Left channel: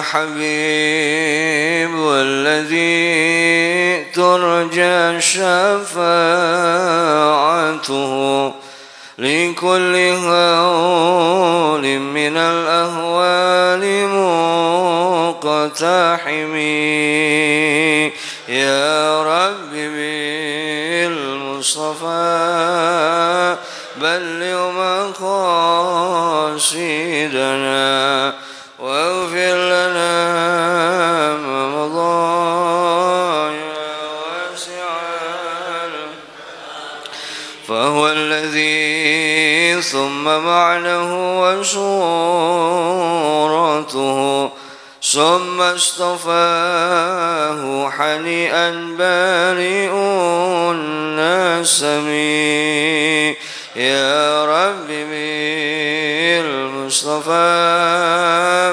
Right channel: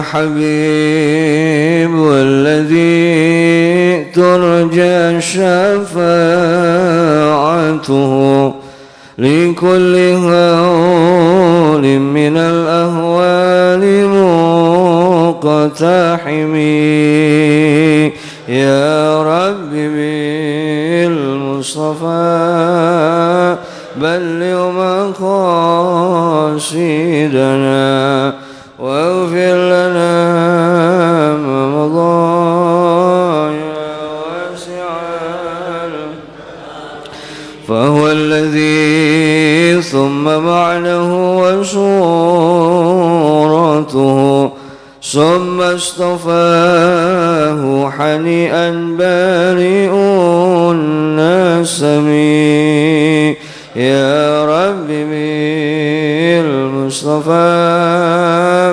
الحبيب والذي ترجى شفاعته لكل هول من الأهوال مقتحم يا رب بالمصطفى بلغ مقاصدنا واغفر لنا ما مضى يا واسع فهو الذي ثم معنه وصورته ثم اصطفاه حنيئا بارئ النسم يا رب بالمصطفى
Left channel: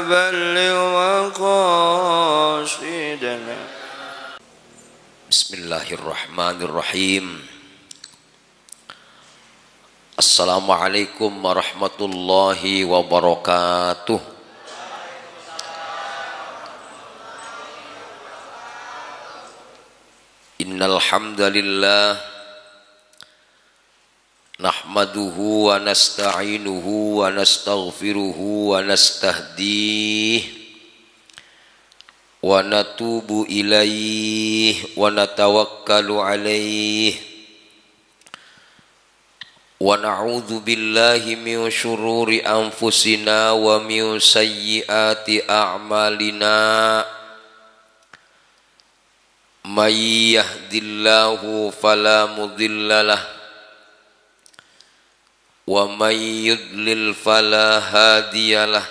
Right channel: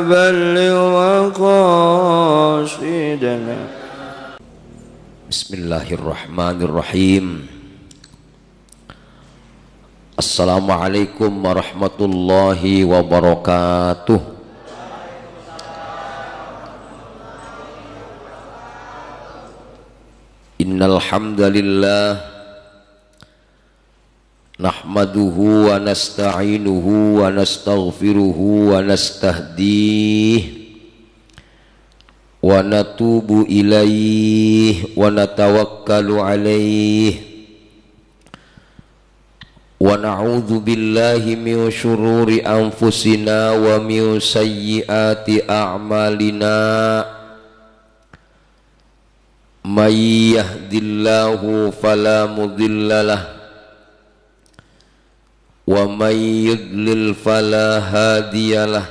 بلغ مقاصدنا. Bismillahirrahmanirrahim. Assalamualaikum warahmatullahi wabarakatuh. Innal hamdalillah nahmaduhu wa nasta'inuhu wa nastaghfiruhu wa nastahdihi wa natubu ilaihi wa natawakkalu alaihi wa na'udzu billahi min syururi anfusina wa min sayyiati a'malina may yahdillahu fala mudhillalah wa may yudlil fala hadiyalah.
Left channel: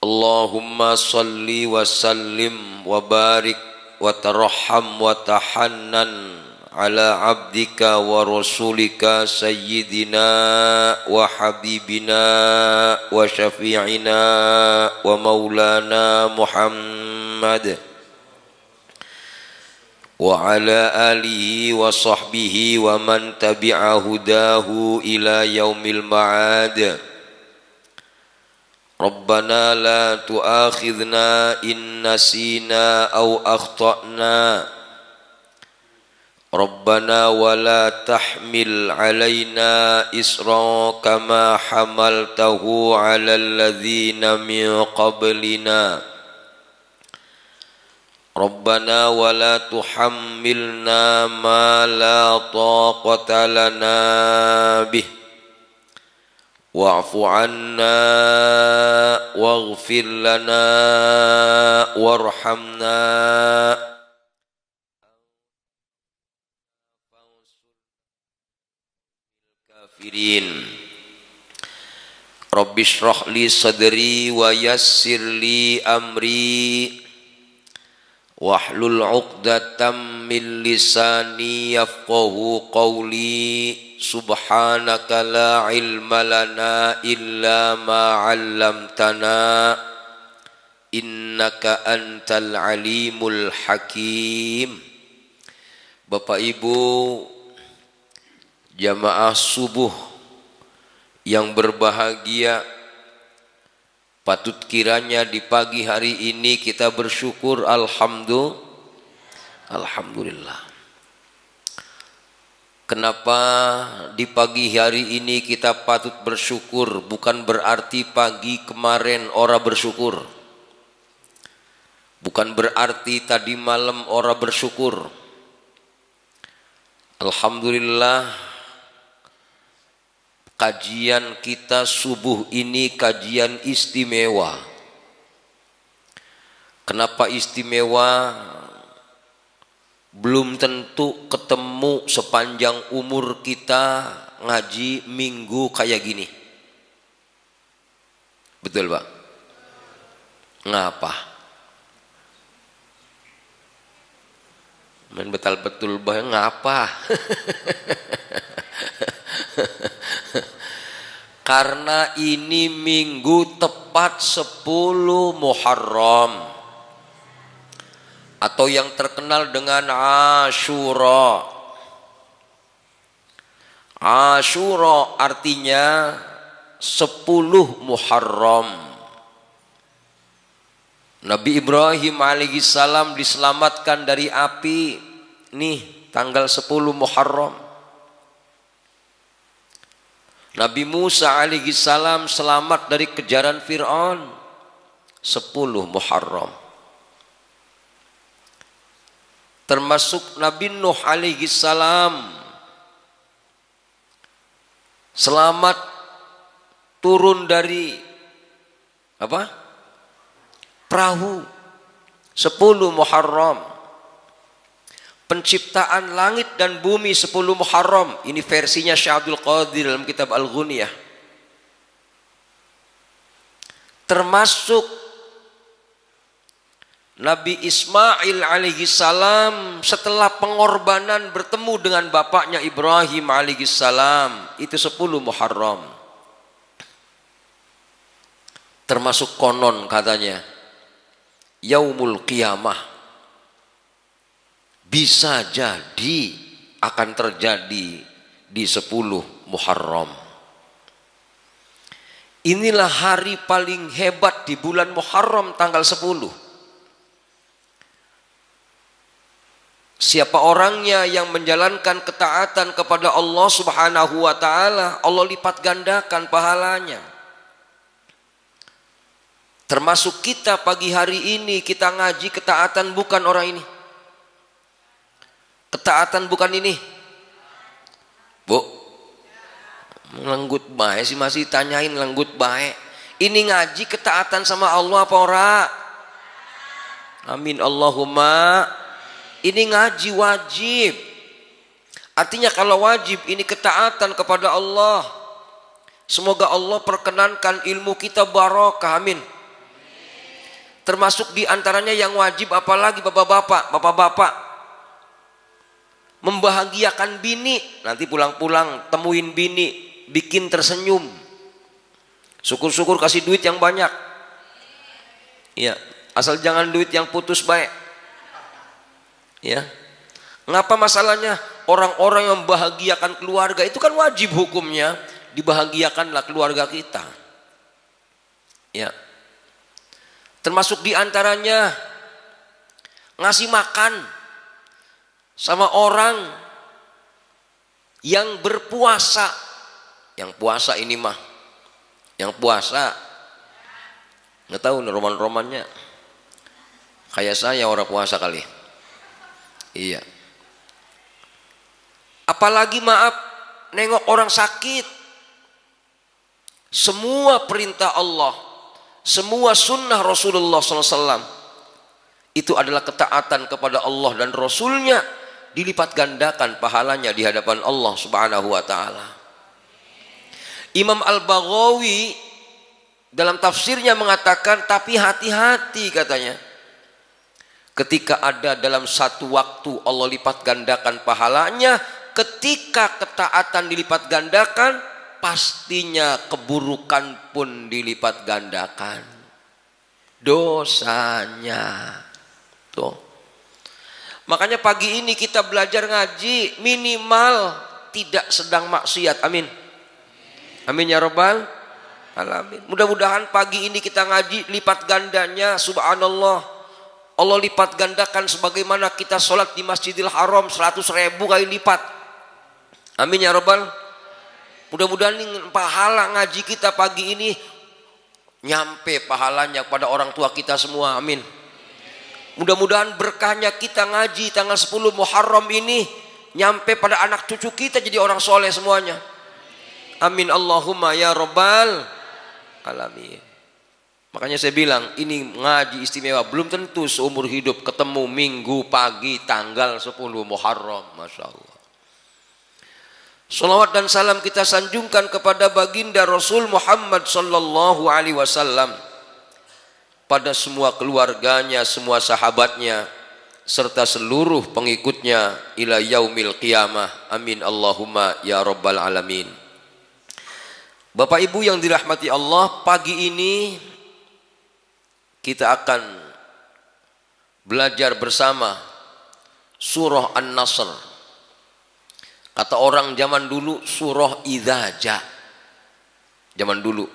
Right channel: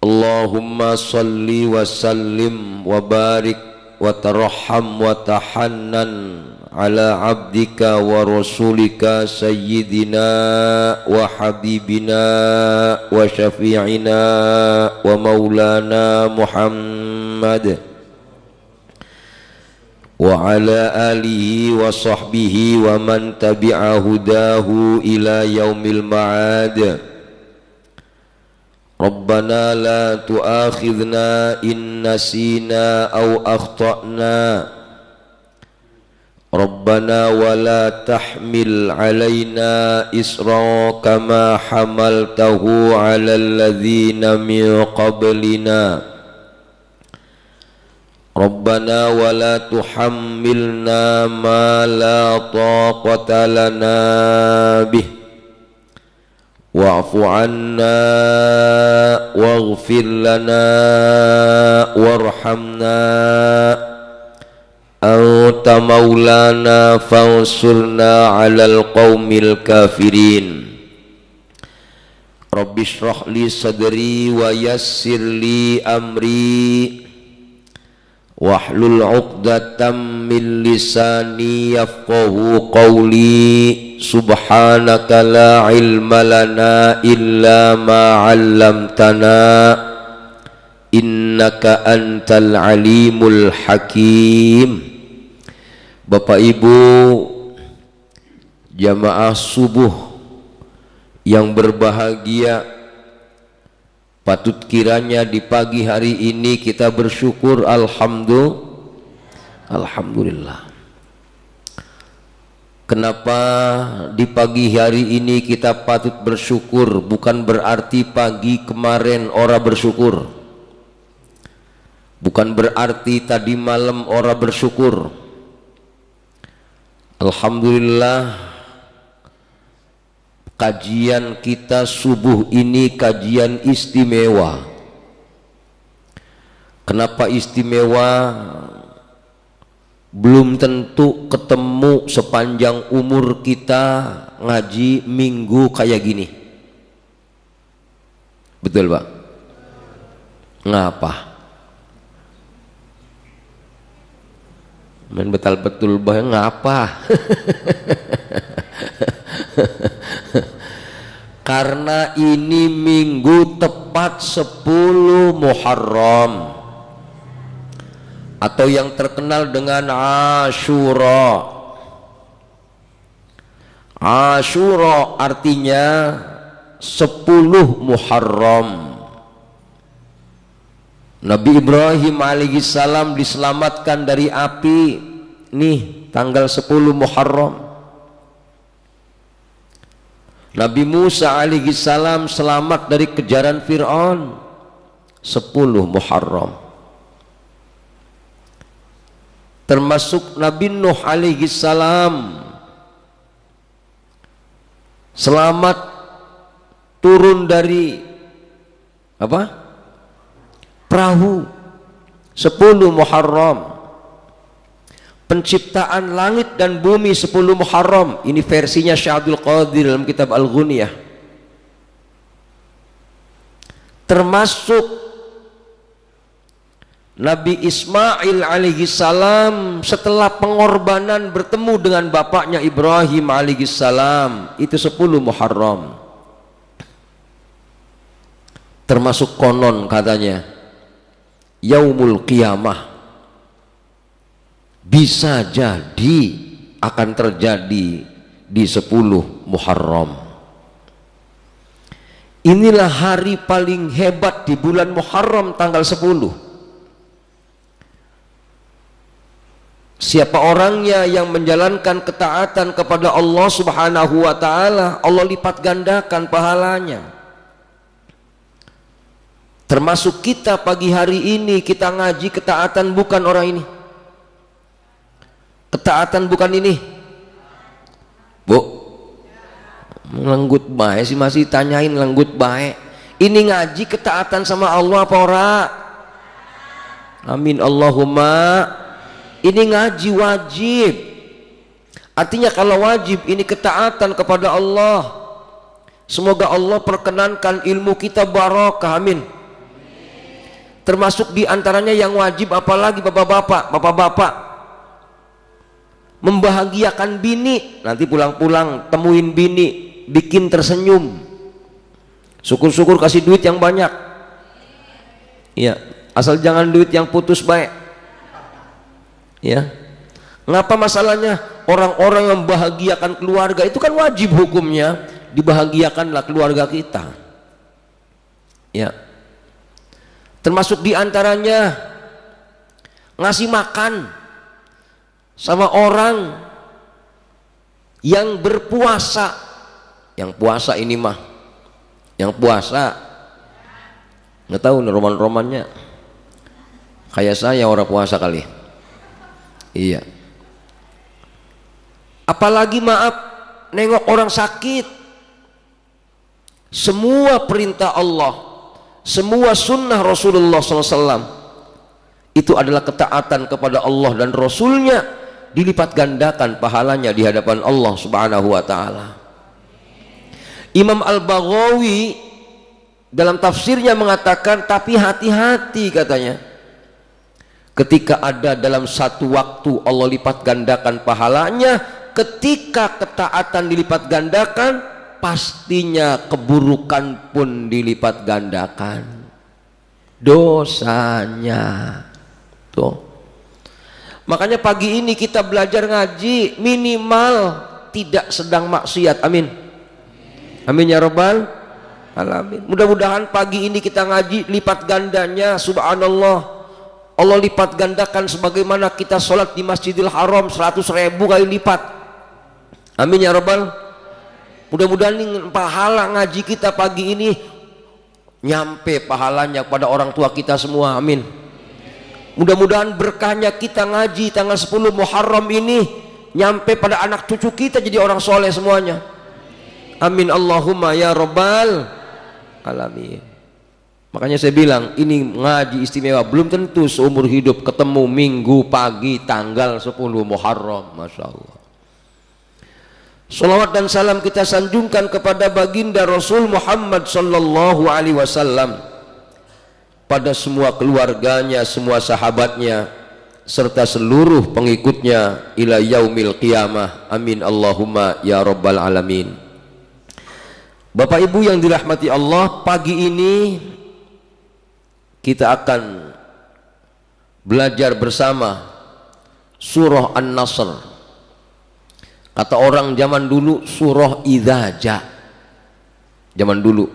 Allahumma salli wa sallim wa barik wa tarham wa tahannan ala abdika wa rasulika sayyidina wa habibina wa syafi'ina wa maulana Muhammad wa ala alihi wa sahbihi wa man tabi'a hudahu ila yaumil ma'ad. Rabbana la tu'akhidhna in nasina aw akhta'na. Rabbana wa la tahmil alaina isra kama hamaltahu ala alladhina min qablina. Rabbana wa la tuhammilna ma la taqata lana bih wa'fu anna waghfir lana warhamna anta maulana fansurna 'alal qaumil kafirin. Rabbi shrah li sadri wa yassir li amri wahlul 'uqdatam min lisani yafqahu qawli. Subhanaka la ilma lana illa ma 'allamtana innaka antal alimul hakim. Bapak Ibu jamaah subuh yang berbahagia, patut kiranya di pagi hari ini kita bersyukur alhamdulillah. Kenapa di pagi hari ini kita patut bersyukur? Bukan berarti pagi kemarin ora bersyukur, bukan berarti tadi malam ora bersyukur. Alhamdulillah, kajian kita subuh ini kajian istimewa. Kenapa istimewa? Belum tentu ketemu sepanjang umur kita ngaji minggu kayak gini. Betul Pak? Ngapa? Main betul bah ngapa? Karena ini minggu tepat 10 Muharram atau yang terkenal dengan Asyura. Asyura artinya 10 Muharram. Nabi Ibrahim alaihissalam diselamatkan dari api nih tanggal 10 Muharram. Nabi Musa alaihissalam selamat dari kejaran Fir'aun 10 Muharram. Termasuk Nabi Nuh alaihissalam selamat turun dari apa? Perahu 10 Muharram. Penciptaan langit dan bumi 10 Muharram. Ini versinya Syekh Abdul Qadir dalam kitab Al-Ghunyah. Termasuk Nabi Ismail alaihissalam setelah pengorbanan bertemu dengan bapaknya Ibrahim alaihissalam, itu 10 Muharram. Termasuk konon katanya Yaumul Qiyamah bisa jadi akan terjadi di 10 Muharram. Inilah hari paling hebat di bulan Muharram, tanggal 10. Siapa orangnya yang menjalankan ketaatan kepada Allah Subhanahu wa taala, Allah lipat gandakan pahalanya. Termasuk kita pagi hari ini kita ngaji ketaatan bukan orang ini. Ketaatan bukan ini. Bu, lenggut baik sih, masih tanyain lenggut baik. Ini ngaji ketaatan sama Allah apa ora? Amin Allahumma. Ini ngaji wajib. Artinya kalau wajib ini ketaatan kepada Allah. Semoga Allah perkenankan ilmu kita barokah, amin. Termasuk diantaranya yang wajib apalagi bapak-bapak membahagiakan bini. Nanti pulang-pulang temuin bini, bikin tersenyum, syukur-syukur kasih duit yang banyak. Ya, asal jangan duit yang putus baik. Ya, ngapa masalahnya? Orang-orang yang membahagiakan keluarga itu kan wajib hukumnya, dibahagiakanlah keluarga kita. Ya, termasuk diantaranya ngasih makan sama orang yang berpuasa. Yang puasa ini mah, yang puasa nggak tahu nih roman-romannya, kayak saya orang puasa kali. Iya. Apalagi maaf nengok orang sakit. Semua perintah Allah, semua sunnah Rasulullah SAW itu adalah ketaatan kepada Allah dan Rasulnya, dilipat gandakan pahalanya di hadapan Allah Subhanahu wa taala. Imam Al-Baghawi dalam tafsirnya mengatakan, tapi hati-hati katanya, ketika ada dalam satu waktu Allah lipat gandakan pahalanya, ketika ketaatan dilipat gandakan, pastinya keburukan pun dilipat gandakan dosanya. Tuh. Makanya pagi ini kita belajar ngaji, minimal tidak sedang maksiat. Amin. Amin ya rabbal alamin. Mudah-mudahan pagi ini kita ngaji lipat gandanya, subhanallah. Allah lipat gandakan sebagaimana kita sholat di Masjidil Haram 100.000 kali lipat. Amin ya rabbal. Mudah-mudahan pahala ngaji kita pagi ini nyampe pahalanya pada orang tua kita semua. Amin. Mudah-mudahan berkahnya kita ngaji tanggal 10 Muharram ini nyampe pada anak cucu kita jadi orang soleh semuanya. Amin Allahumma ya rabbal alamin. Makanya saya bilang ini ngaji istimewa, belum tentu seumur hidup ketemu minggu pagi tanggal 10 Muharram. Masya Allah. Salawat dan salam kita sanjungkan kepada baginda Rasul Muhammad sallallahu alaihi wasallam, pada semua keluarganya, semua sahabatnya, serta seluruh pengikutnya ila yaumil qiyamah. Amin Allahumma ya rabbal alamin. Bapak Ibu yang dirahmati Allah, pagi ini kita akan belajar bersama surah An-Nasr. Kata orang zaman dulu surah Idza Ja. Zaman dulu.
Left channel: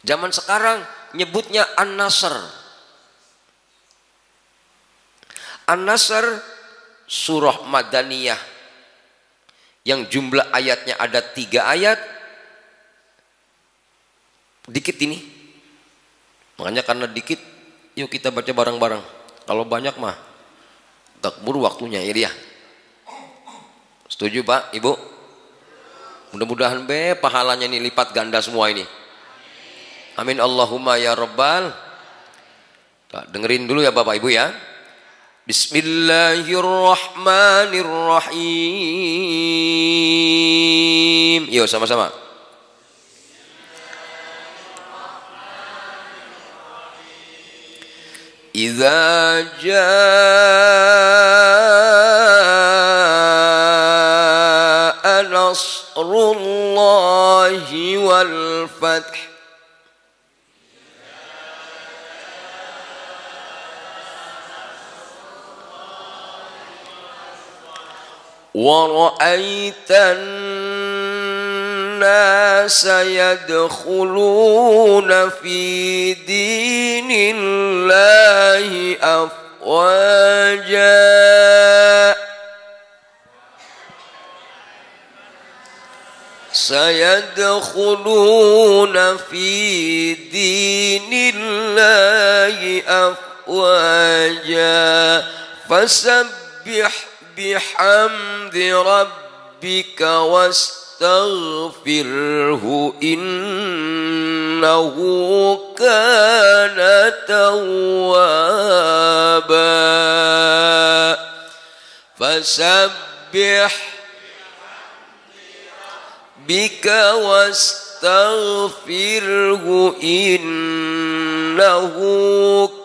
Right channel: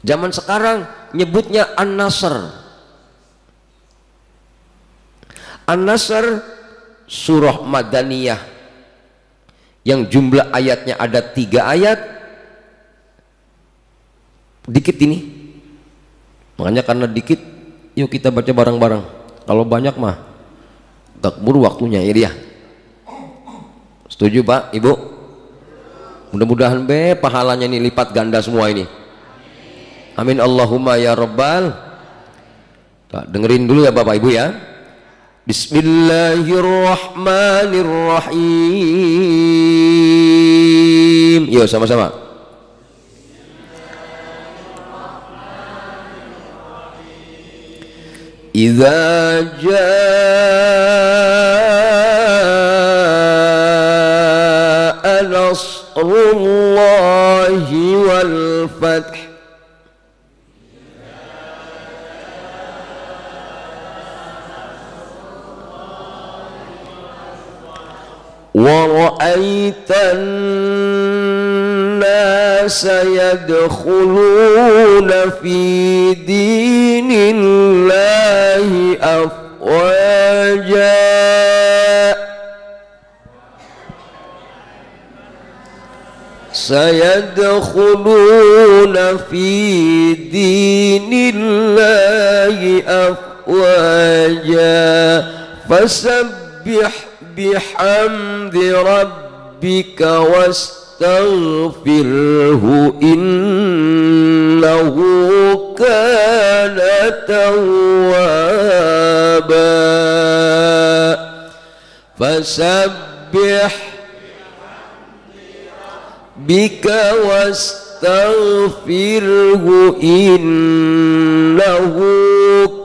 Zaman sekarang nyebutnya An-Nasr. An-Nasr surah Madaniyah yang jumlah ayatnya ada 3 ayat. Dikit ini, makanya karena dikit yuk kita baca bareng-bareng. Kalau banyak mah gak keburu waktunya ya dia. Setuju Pak, Ibu? Mudah-mudahan pahalanya ini lipat ganda semua ini. Amin Allahumma ya Rabbal. Dengerin dulu ya Bapak Ibu ya. Bismillahirrahmanirrahim. Yuk sama-sama. Idza jaa nasrullahi wal fath wa ra'aitan nasa yadkhuluna fi dinillahi afwaja sayadkhuluna fi dinillahi afwaja fasabbih bihamdi rabbika wastaghfirhu innahu kana tawwaba fasabbih bika wastaghfirhu innahu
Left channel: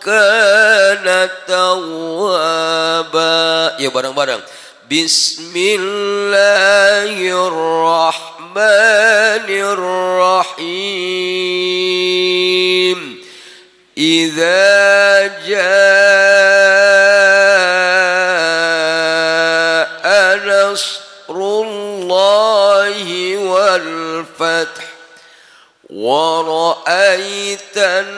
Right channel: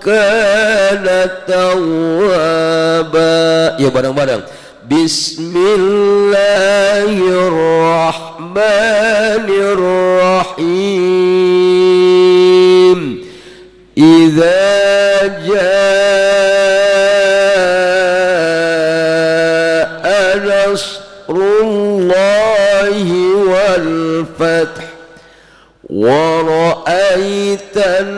kana tawwaba. Ya bareng-bareng. Bismillahirrahmanirrahim. Idza jaa nasrullahi wal fath wa ra'aitan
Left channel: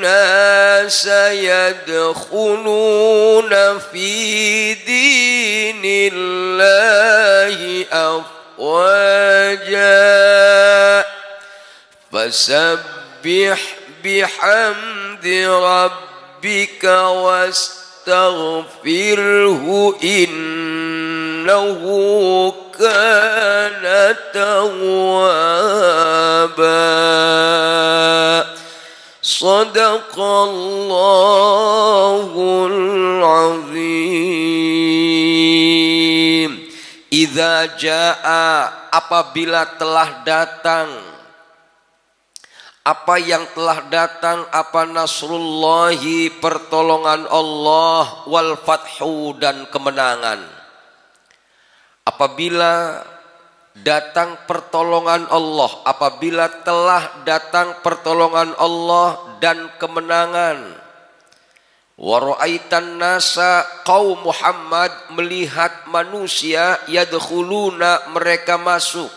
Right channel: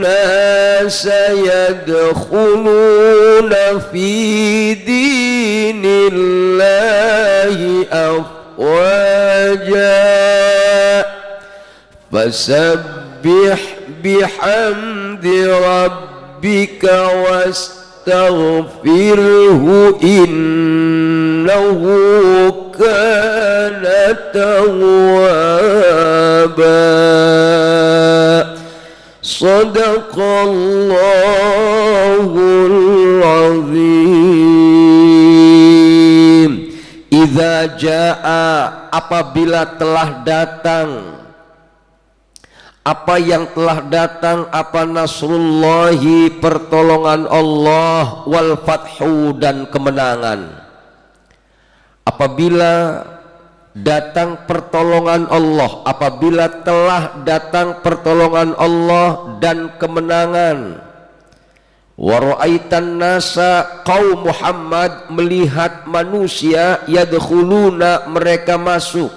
nasa yadkhuluna fi dinillahi afwaja fasabbih bihamdi rabbika wastaghfirhu innahu kana tawwaba. Sadaqallahul azim. Idza jaa, apabila telah datang. Apa yang telah datang? Apa nasrullahi, pertolongan Allah, wal fathu, dan kemenangan. Apabila datang pertolongan Allah, apabila telah datang pertolongan Allah dan kemenangan. Wa ra'aitan nasa, kaum Muhammad melihat manusia, yadkhuluna, mereka masuk,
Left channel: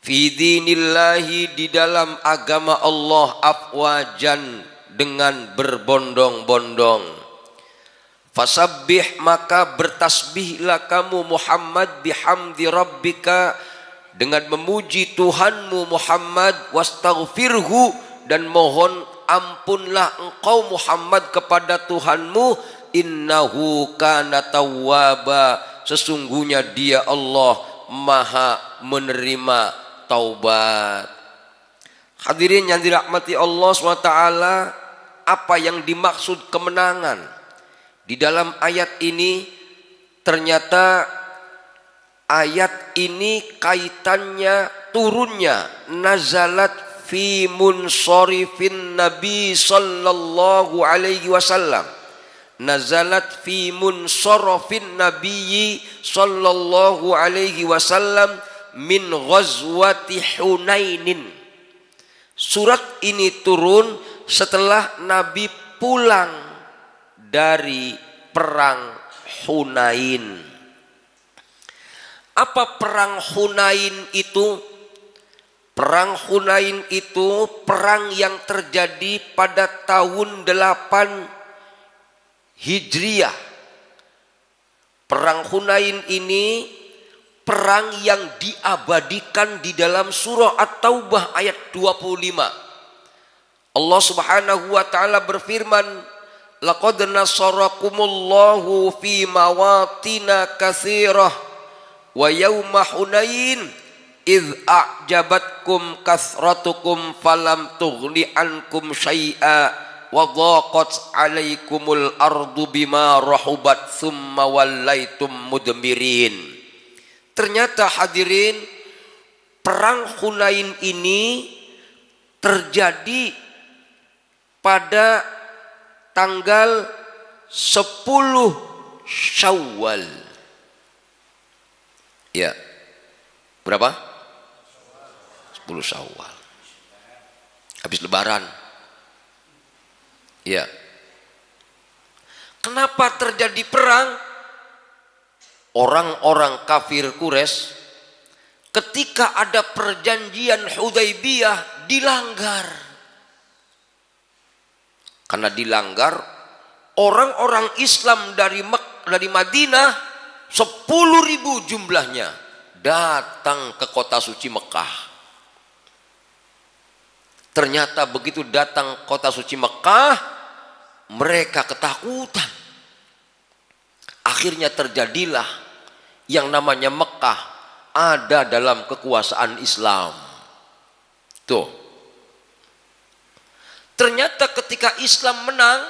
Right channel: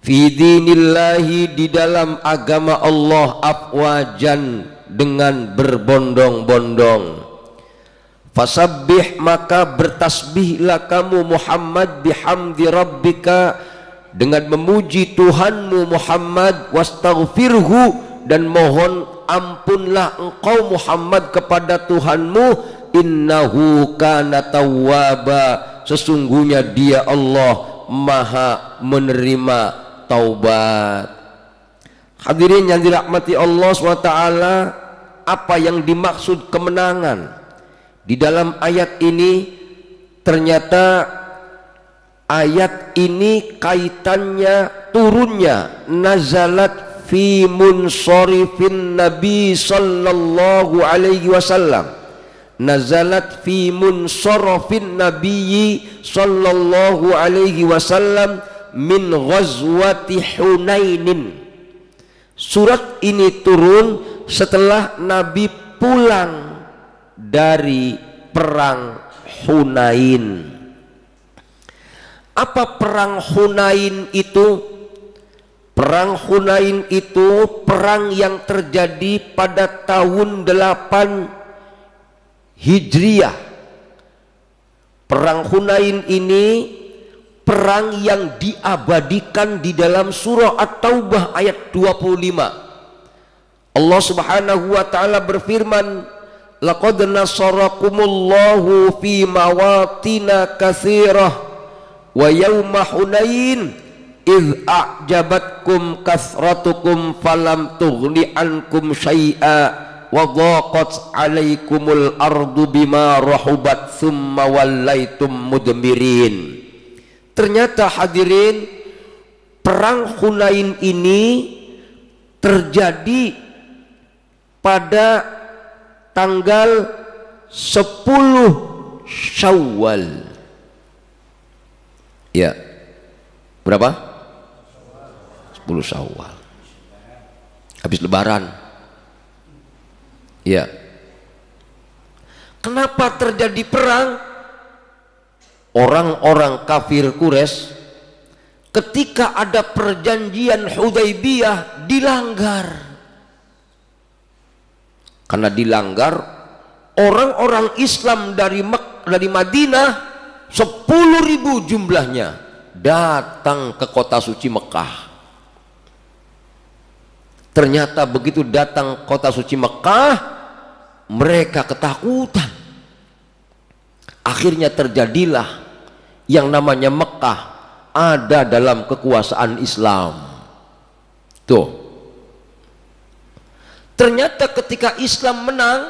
fi dinillahi, di dalam agama Allah, afwajan, dengan berbondong-bondong. Fasabbih, maka bertasbihlah kamu Muhammad, bihamdi rabbika, dengan memuji Tuhanmu Muhammad, wastaghfirhu, dan mohon ampunlah engkau Muhammad kepada Tuhanmu, innahu kana tawwaba, sesungguhnya dia Allah maha menerima taubat. Hadirin yang dirahmati Allah SWT, apa yang dimaksud kemenangan di dalam ayat ini? Ternyata ayat ini kaitannya turunnya, nazalat fi munsharifin Nabi sallallahu alaihi wasallam, nazalat fi munsharifin Nabi sallallahu alaihi wasallam min ghazwati Hunainin. Surat ini turun setelah Nabi pulang dari perang Hunain. Apa perang Hunain itu? Perang Hunain itu perang yang terjadi pada tahun 8 Hijriah. Perang Hunain ini perang yang diabadikan di dalam surah At-Taubah ayat 25. Allah Subhanahu wa taala berfirman, laqad nasarakumullahu fi mawatina katsirah wa yauma Hunain idh a'jabatkum kasratukum falam tughni ankum syai'a wa dhaqat 'alaikumul ardu bima rahubat thumma wallaitum mudmirin. Ternyata hadirin, perang Hunain ini terjadi pada tanggal 10 Syawal. Ya. Berapa? 10 Syawal. Habis lebaran. Ya. Kenapa terjadi perang? Orang-orang kafir Quraisy ketika ada perjanjian Hudaybiyah dilanggar. Karena dilanggar, orang-orang Islam dari Madinah 10.000 jumlahnya datang ke kota suci Mekah. Ternyata begitu datang kota suci Mekah, mereka ketakutan. Akhirnya terjadilah yang namanya Mekah ada dalam kekuasaan Islam. Tuh. Ternyata ketika Islam menang,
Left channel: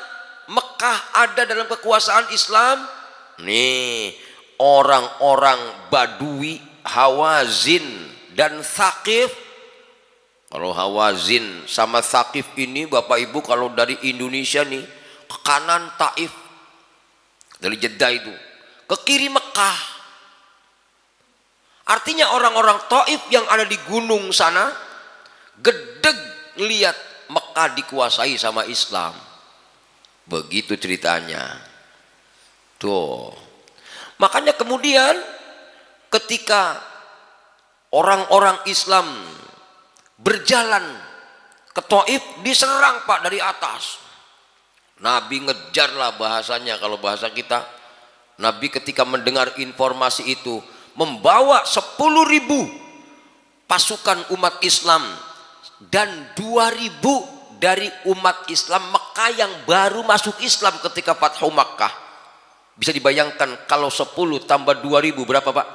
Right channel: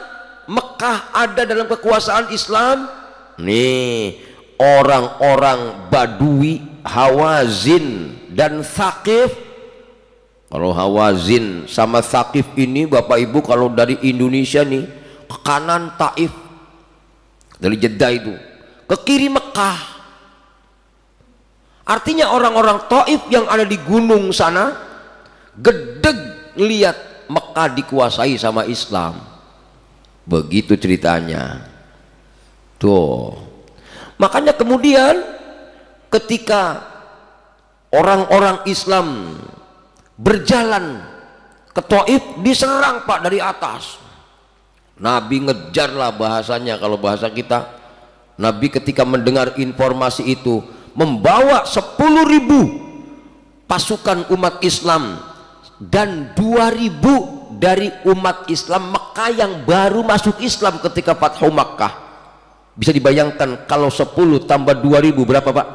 Mekah ada dalam kekuasaan Islam. Nih, orang-orang Badui, Hawazin dan Thaqif. Kalau Hawazin sama Thaqif ini Bapak Ibu, kalau dari Indonesia nih ke kanan Taif, dari Jeddah itu ke kiri Mekah. Artinya orang-orang Taif yang ada di gunung sana gedeg lihat Mekah dikuasai sama Islam. Begitu ceritanya. Tuh. Makanya kemudian ketika orang-orang Islam berjalan ke Taif, diserang Pak dari atas. Nabi ngejarlah, bahasanya kalau bahasa kita. Nabi ketika mendengar informasi itu membawa 10.000 pasukan umat Islam dan 2.000 dari umat Islam Mekah yang baru masuk Islam ketika Fathu Makkah. Bisa dibayangkan kalau 10 tambah 2.000 berapa Pak?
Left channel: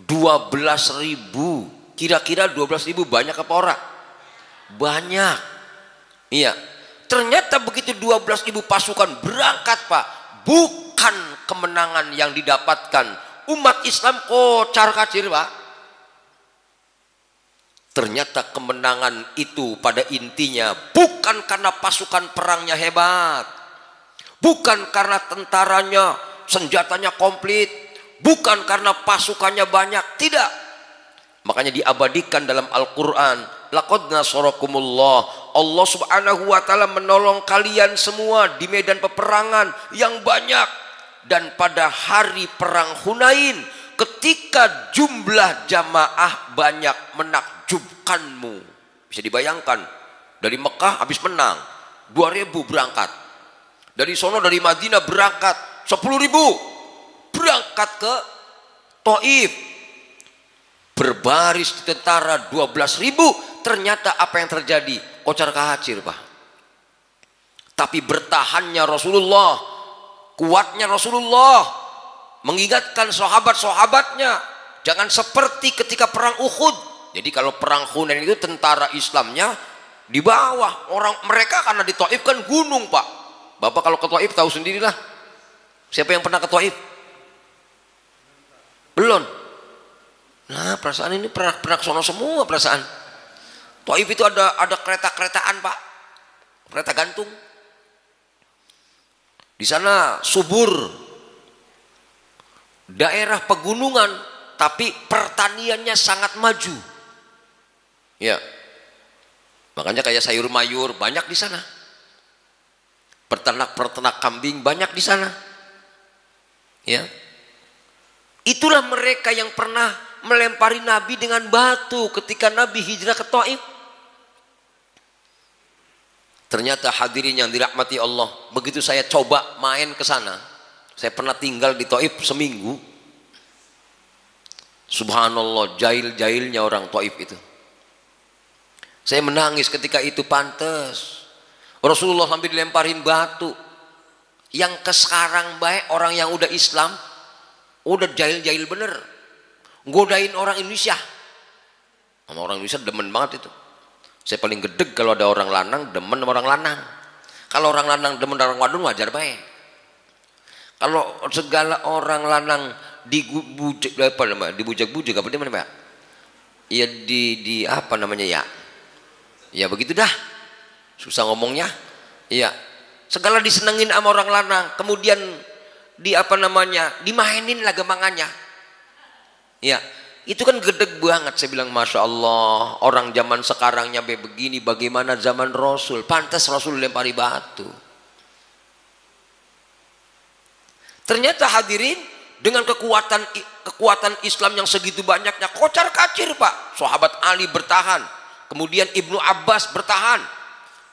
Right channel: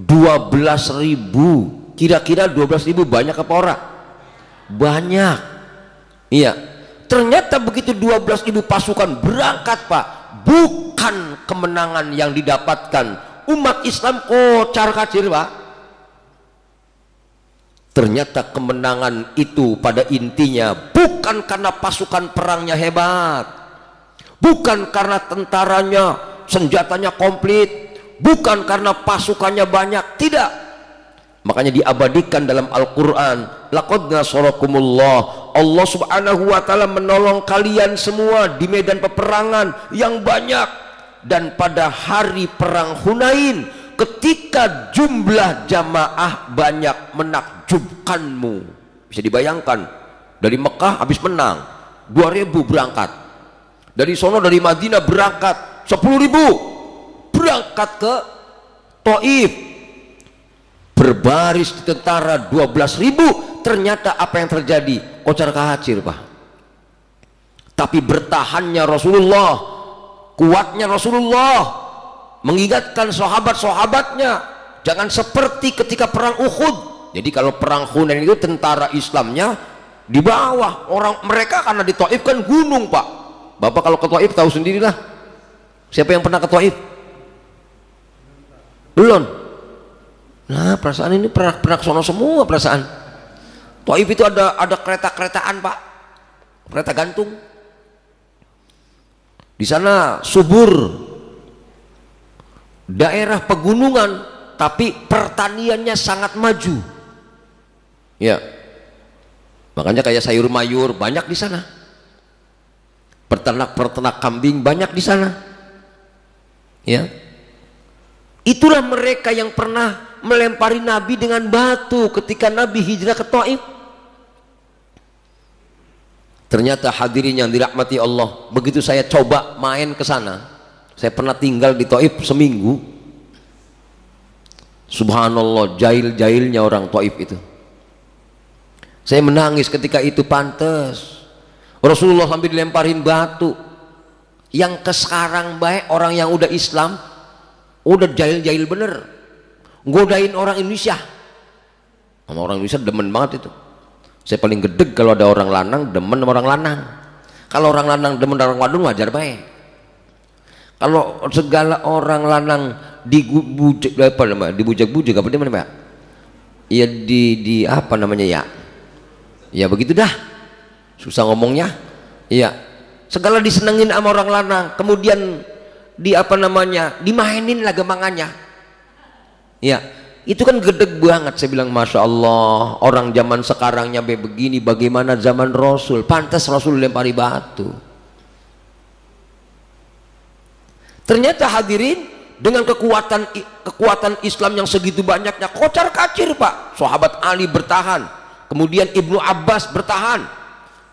12.000. Kira-kira 12.000 banyak apa ora? Banyak. Iya. Ternyata begitu 12.000 pasukan berangkat Pak, bukan kemenangan yang didapatkan umat Islam kocar-kacir Pak. Ternyata kemenangan itu pada intinya bukan karena pasukan perangnya hebat, bukan karena tentaranya senjatanya komplit, bukan karena pasukannya banyak, tidak. Makanya diabadikan dalam Al-Quran, laqad nasarakumullah, Allah subhanahu wa ta'ala menolong kalian semua di medan peperangan yang banyak. Dan pada hari perang Hunain, ketika jumlah jamaah banyak menakjubkanmu. Bisa dibayangkan, dari Mekah habis menang 2.000 berangkat, dari sono dari Madinah berangkat 10.000 berangkat ke Taif, berbaris di tentara 12.000. Ternyata apa yang terjadi? Kocar kacir Pak. Tapi bertahannya Rasulullah, kuatnya Rasulullah, mengingatkan sahabat-sahabatnya jangan seperti ketika perang Uhud. Jadi kalau perang Hunain itu tentara Islamnya di bawah, orang mereka karena di Taif kan gunung Pak. Bapak kalau ke Taif tahu sendirilah. Siapa yang pernah ke Taif? Belum. Nah, perasaan ini pernah sono semua perasaan. Taif itu ada kereta-keretaan Pak, kereta gantung. Di sana subur, daerah pegunungan, tapi pertaniannya sangat maju. Ya, makanya kayak sayur mayur banyak di sana. Peternak kambing banyak di sana. Ya, itulah mereka yang pernah melempari Nabi dengan batu ketika Nabi hijrah ke Taif. Ternyata hadirin yang dirahmati Allah, begitu saya coba main ke sana, saya pernah tinggal di Taif seminggu. Subhanallah, jahil-jahilnya orang Taif itu. Saya menangis ketika itu. Pantes Rasulullah sampai dilemparin batu. Yang ke sekarang baik orang yang udah Islam, udah jahil-jahil bener, godain orang Indonesia. Sama orang Indonesia demen banget itu. Saya paling gedeg kalau ada orang lanang demen sama orang lanang. Kalau orang lanang demen orang wadon wajar baik. Kalau segala orang lanang dibujak apa namanya, dibujak-bujak apa namanya, Pak? Ya di apa namanya ya? Ya begitu dah. Susah ngomongnya. Iya. Segala disenengin sama orang lanang, kemudian di apa namanya? Dimainin lah gemangannya. Ya. Itu kan gedeg banget. Saya bilang Masya Allah, orang zaman sekarangnya begini, bagaimana zaman Rasul? Pantas Rasul lempari batu. Ternyata hadirin, dengan kekuatan Islam yang segitu banyaknya, kocar kacir Pak. Sahabat Ali bertahan, kemudian Ibnu Abbas bertahan,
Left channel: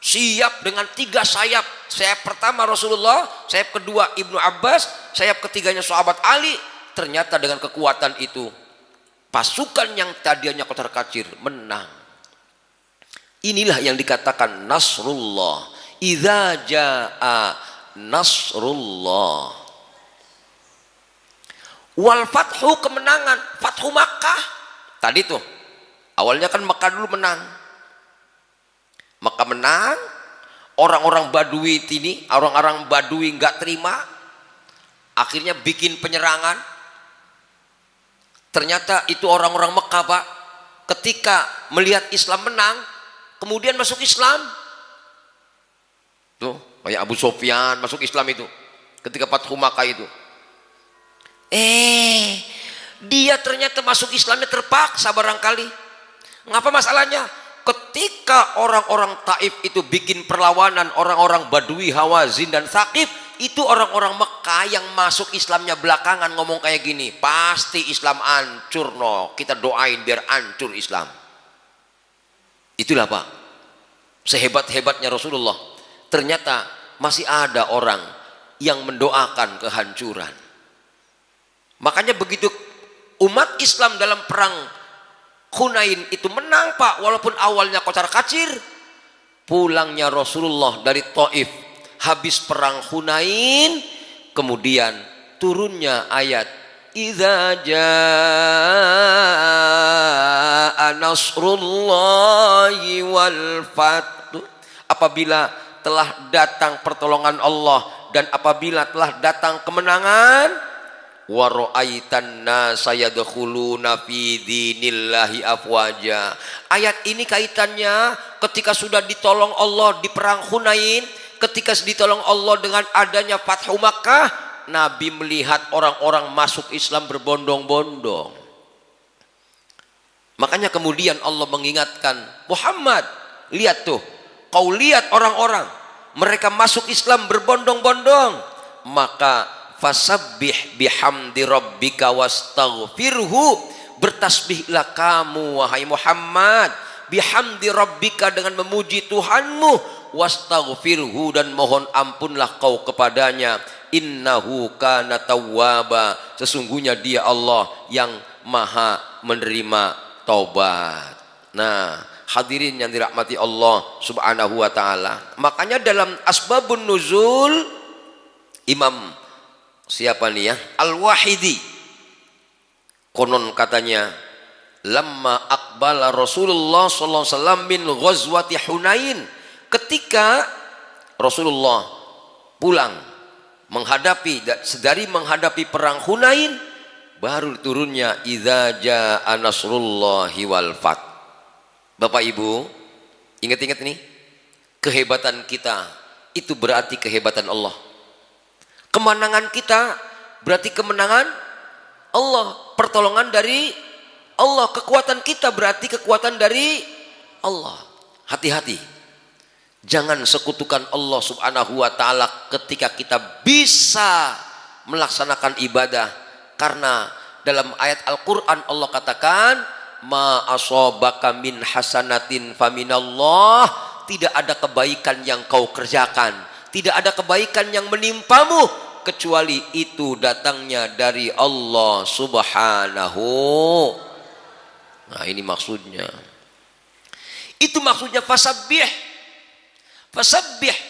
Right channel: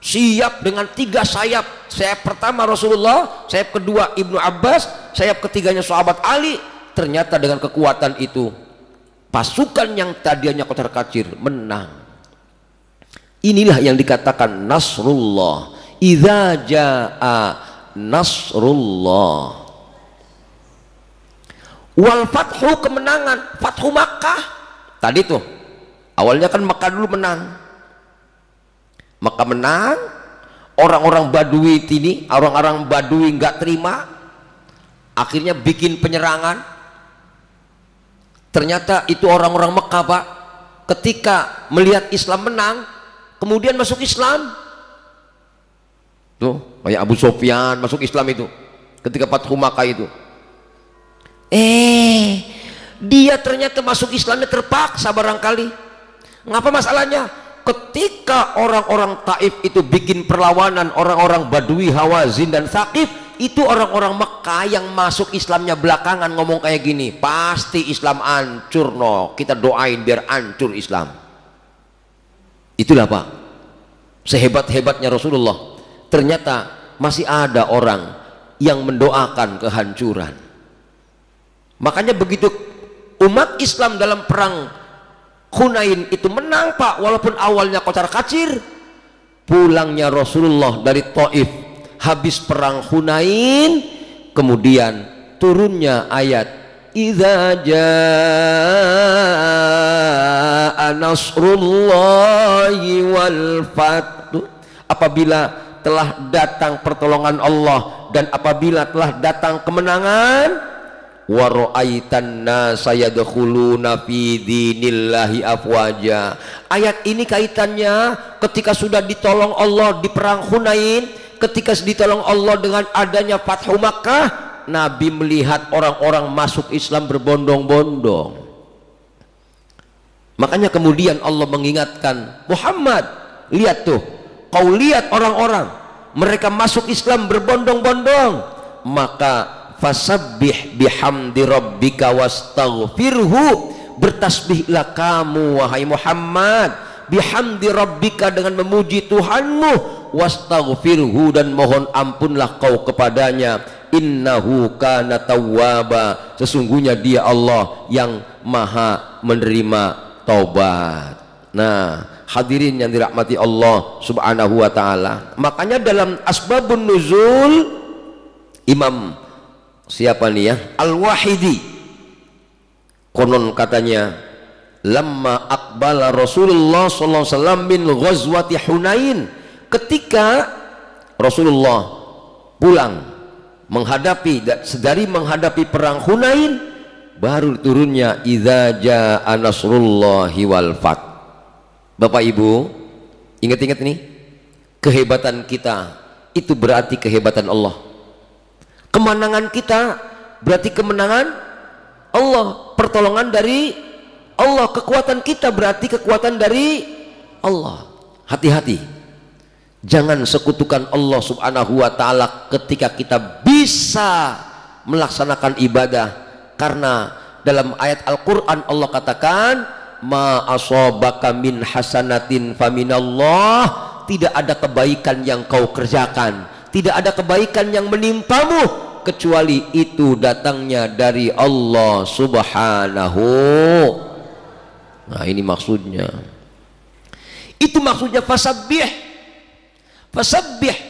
siap dengan 3 sayap. Sayap pertama Rasulullah, sayap kedua Ibnu Abbas, sayap ketiganya sahabat Ali. Ternyata dengan kekuatan itu, pasukan yang tadinya kocar kacir menang. Inilah yang dikatakan Nasrullah. Idza jaa Nasrullah wal fathu, kemenangan. Fathu Makkah tadi tuh awalnya kan Makkah dulu menang. Makkah menang, orang-orang Badui ini, orang-orang Badui nggak terima, akhirnya bikin penyerangan. Ternyata itu orang-orang Mekah Pak, ketika melihat Islam menang, kemudian masuk Islam. Tuh kayak Abu Sufyan masuk Islam itu ketika Fathu Makkah itu. Dia ternyata masuk Islamnya terpaksa barangkali. Ngapa masalahnya? Ketika orang-orang Taif itu bikin perlawanan, orang-orang Badui, Hawazin dan Thaqif, itu orang-orang Mekah yang masuk Islamnya belakangan ngomong kayak gini, pasti Islam hancur, no, kita doain biar hancur Islam. Itulah Pak, sehebat-hebatnya Rasulullah, ternyata masih ada orang yang mendoakan kehancuran. Makanya begitu umat Islam dalam perang Hunain itu menang Pak, walaupun awalnya kocar kacir, pulangnya Rasulullah dari Taif habis perang Hunain, kemudian turunnya ayat idza jaa nasrullahi wal fath, apabila telah datang pertolongan Allah dan apabila telah datang kemenangan, wa ra'aitan nasa yadkhuluna fi dinillahi afwaja. Ayat ini kaitannya ketika sudah ditolong Allah di perang Hunain, ketika ditolong Allah dengan adanya Fathu Makkah, Nabi melihat orang-orang masuk Islam berbondong-bondong. Makanya kemudian Allah mengingatkan Muhammad, lihat tuh, kau lihat orang-orang mereka masuk Islam berbondong-bondong, maka fasabbih bihamdi rabbika wastaghfirhu, bertasbihlah kamu wahai Muhammad bihamdi rabbika, dengan memuji Tuhanmu, wastaghfirhu, dan mohon ampunlah kau kepadanya, innahu kana tawwaba, sesungguhnya dia Allah yang maha menerima taubat. Nah hadirin yang dirahmati Allah subhanahu wa ta'ala, makanya dalam asbabun nuzul Imam siapa nih ya, Al-Wahidi, konon katanya lamma aqbala Rasulullah sallallahu alaihi wasallam min ghazwati Hunain, ketika Rasulullah pulang dari menghadapi perang Hunain, baru turunnya idza jaa nasrullahi wal fath. Bapak Ibu ingat-ingat nih, kehebatan kita itu berarti kehebatan Allah. Kemenangan kita berarti kemenangan Allah, pertolongan dari Allah, kekuatan kita berarti kekuatan dari Allah. Hati-hati, jangan sekutukan Allah subhanahu wa ta'ala ketika kita bisa melaksanakan ibadah, karena Dalam ayat Al-Quran Allah katakan, ma asobaka min hasanatin faminallah, tidak ada kebaikan yang kau kerjakan, tidak ada kebaikan yang menimpamu kecuali itu datangnya dari Allah Subhanahu. Nah, ini maksudnya. Itu maksudnya fasabbih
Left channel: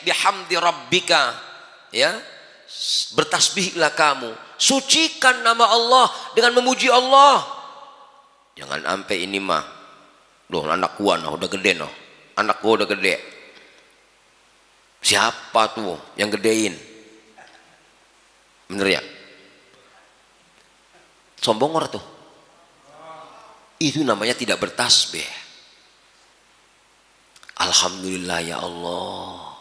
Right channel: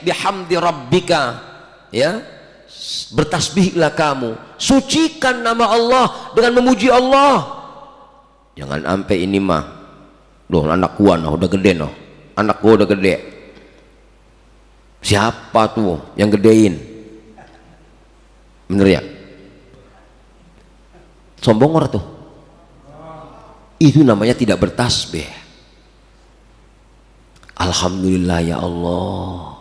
bihamdi rabbika, ya, bertasbihlah kamu, sucikan nama Allah dengan memuji Allah. Jangan sampai ini mah, loh anak gua noh udah gede noh, anak gua udah gede, siapa tuh yang gedein, bener ya? Sombong orang tuh, itu namanya tidak bertasbih. Alhamdulillah ya Allah,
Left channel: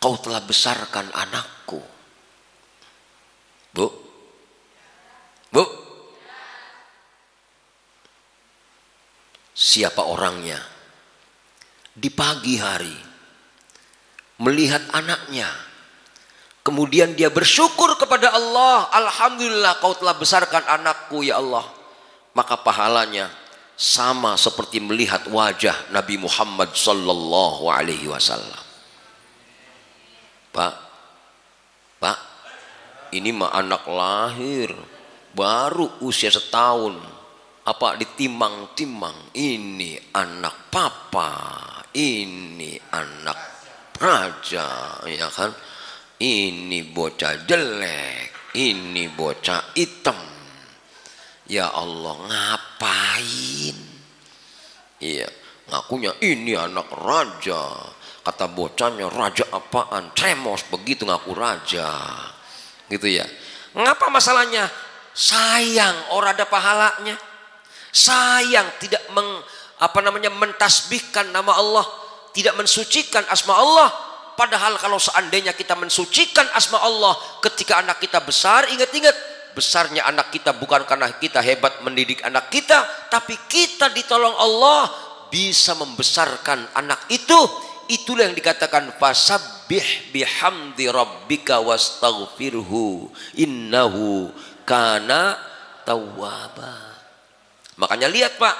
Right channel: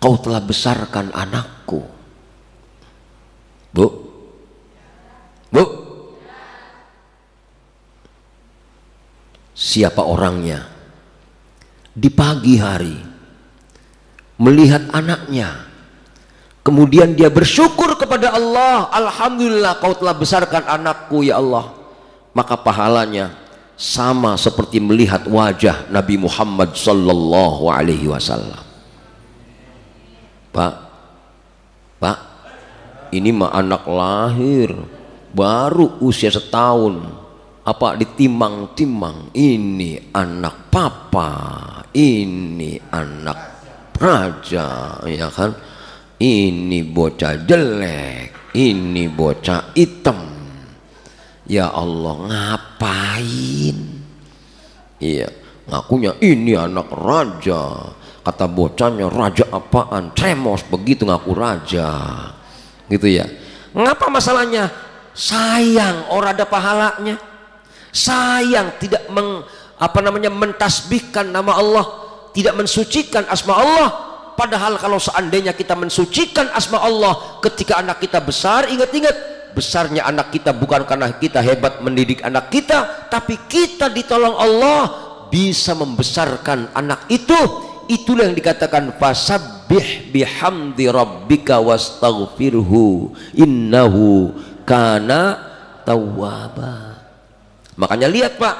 kau telah besarkan anakku. Bu, siapa orangnya di pagi hari melihat anaknya, kemudian dia bersyukur kepada Allah, alhamdulillah kau telah besarkan anakku ya Allah, maka pahalanya sama seperti melihat wajah Nabi Muhammad sallallahu alaihi wasallam. Pak, ini mah anak lahir baru usia setahun, apa ditimang-timang, ini anak papa, ini anak raja, ya kan? Ini bocah jelek, ini bocah hitam. Ya Allah, ngapain? Iya, ngakunya ini anak raja. Kata bocahnya, raja apaan? Tremos begitu ngaku raja. Gitu ya. Ngapa masalahnya? Sayang orang ada pahalanya. Sayang tidak mentasbihkan nama Allah, tidak mensucikan asma Allah. Padahal kalau seandainya kita mensucikan asma Allah ketika anak kita besar, ingat-ingat, besarnya anak kita bukan karena kita hebat mendidik anak kita, tapi kita ditolong Allah bisa membesarkan anak itu. Itulah yang dikatakan fasabbih bihamdi rabbika wastaghfirhu innahu kana tawwaba. Makanya lihat Pak,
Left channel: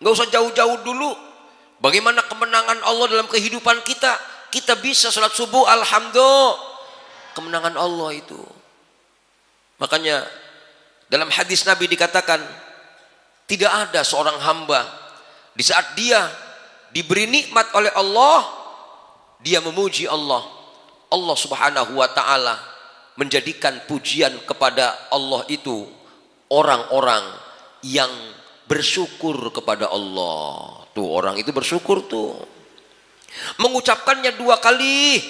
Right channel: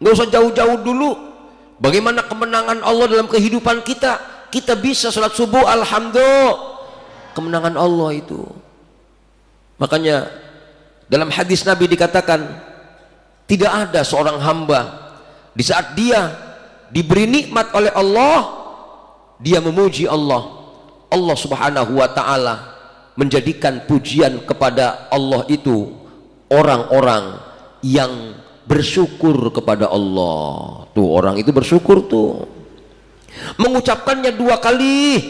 nggak usah jauh-jauh dulu bagaimana kemenangan Allah dalam kehidupan kita. Kita bisa sholat subuh, alhamdulillah, kemenangan Allah itu. Makanya dalam hadis Nabi dikatakan, tidak ada seorang hamba di saat dia diberi nikmat oleh Allah, dia memuji Allah, Allah Subhanahu wa ta'ala menjadikan pujian kepada Allah itu orang-orang yang bersyukur kepada Allah. Tuh orang itu bersyukur tuh, mengucapkannya 2 kali.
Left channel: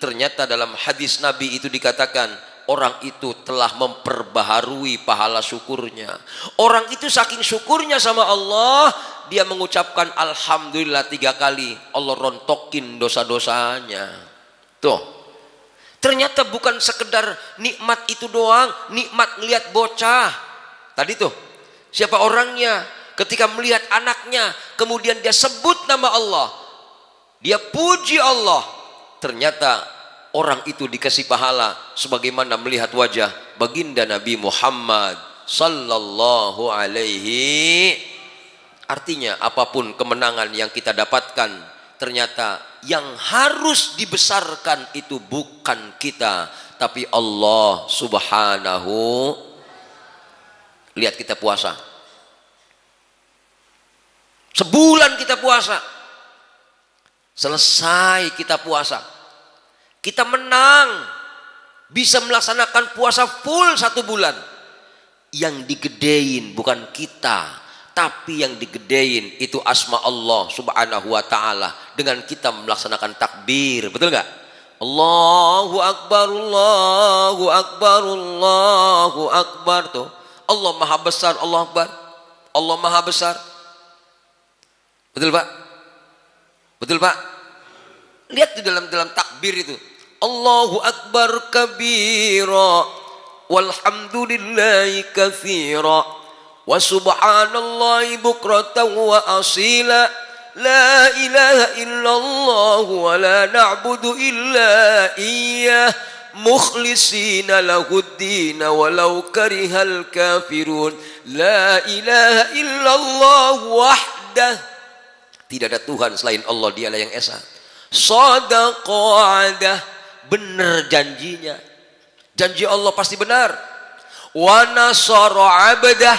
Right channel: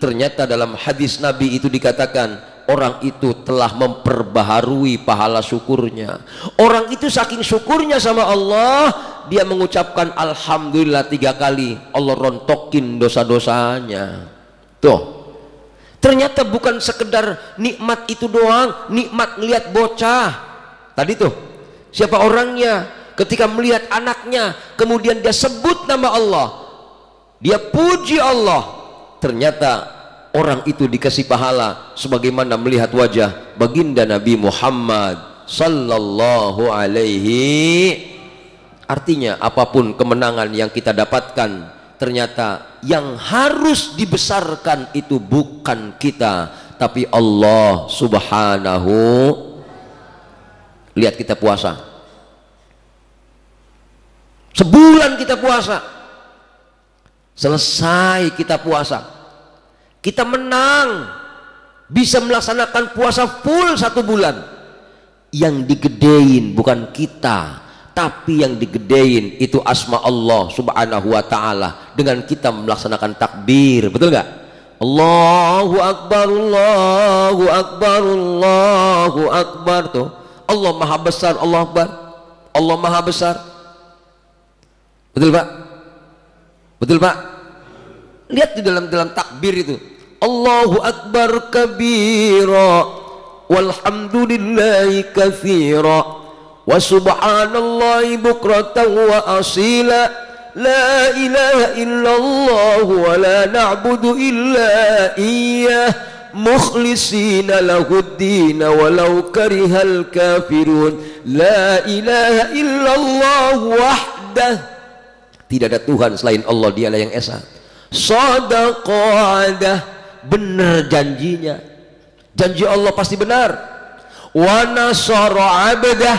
Ternyata dalam hadis Nabi itu dikatakan orang itu telah memperbaharui pahala syukurnya. Orang itu saking syukurnya sama Allah, dia mengucapkan alhamdulillah 3 kali, Allah rontokin dosa-dosanya. Tuh, ternyata bukan sekedar nikmat itu doang, nikmat ngelihat bocah tadi tuh, siapa orangnya ketika melihat anaknya, kemudian dia sebut nama Allah, dia puji Allah, ternyata orang itu dikasih pahala sebagaimana melihat wajah baginda Nabi Muhammad sallallahu alaihi. Artinya apapun kemenangan yang kita dapatkan, ternyata yang harus dibesarkan itu bukan kita, tapi Allah Subhanahu. Lihat kita puasa, sebulan kita puasa, selesai kita puasa, kita menang, bisa melaksanakan puasa full 1 bulan. Yang digedein bukan kita, tapi yang digedein itu asma Allah Subhanahu wa ta'ala dengan kita melaksanakan takbir. Betul nggak? Allahu Akbar, Allahu Akbar, Allahu Akbar. Tuh, Allah maha besar, Allah Akbar, Allah maha besar. Betul Pak? Betul Pak? Lihat di dalam takbir itu, Allahu Akbar kabira walhamdulillahi katsira wa subhanallahi bukratan wa asila la ilaha illallah wa la na'budu illa iyyah mukhlishina lahuddin walau karihal kafirun. La ilaha illallah wahdah, tidak ada Tuhan selain Allah, dialah yang esa. Shadaqadah, benar janjinya, janji Allah pasti benar. Wa nasara abdah,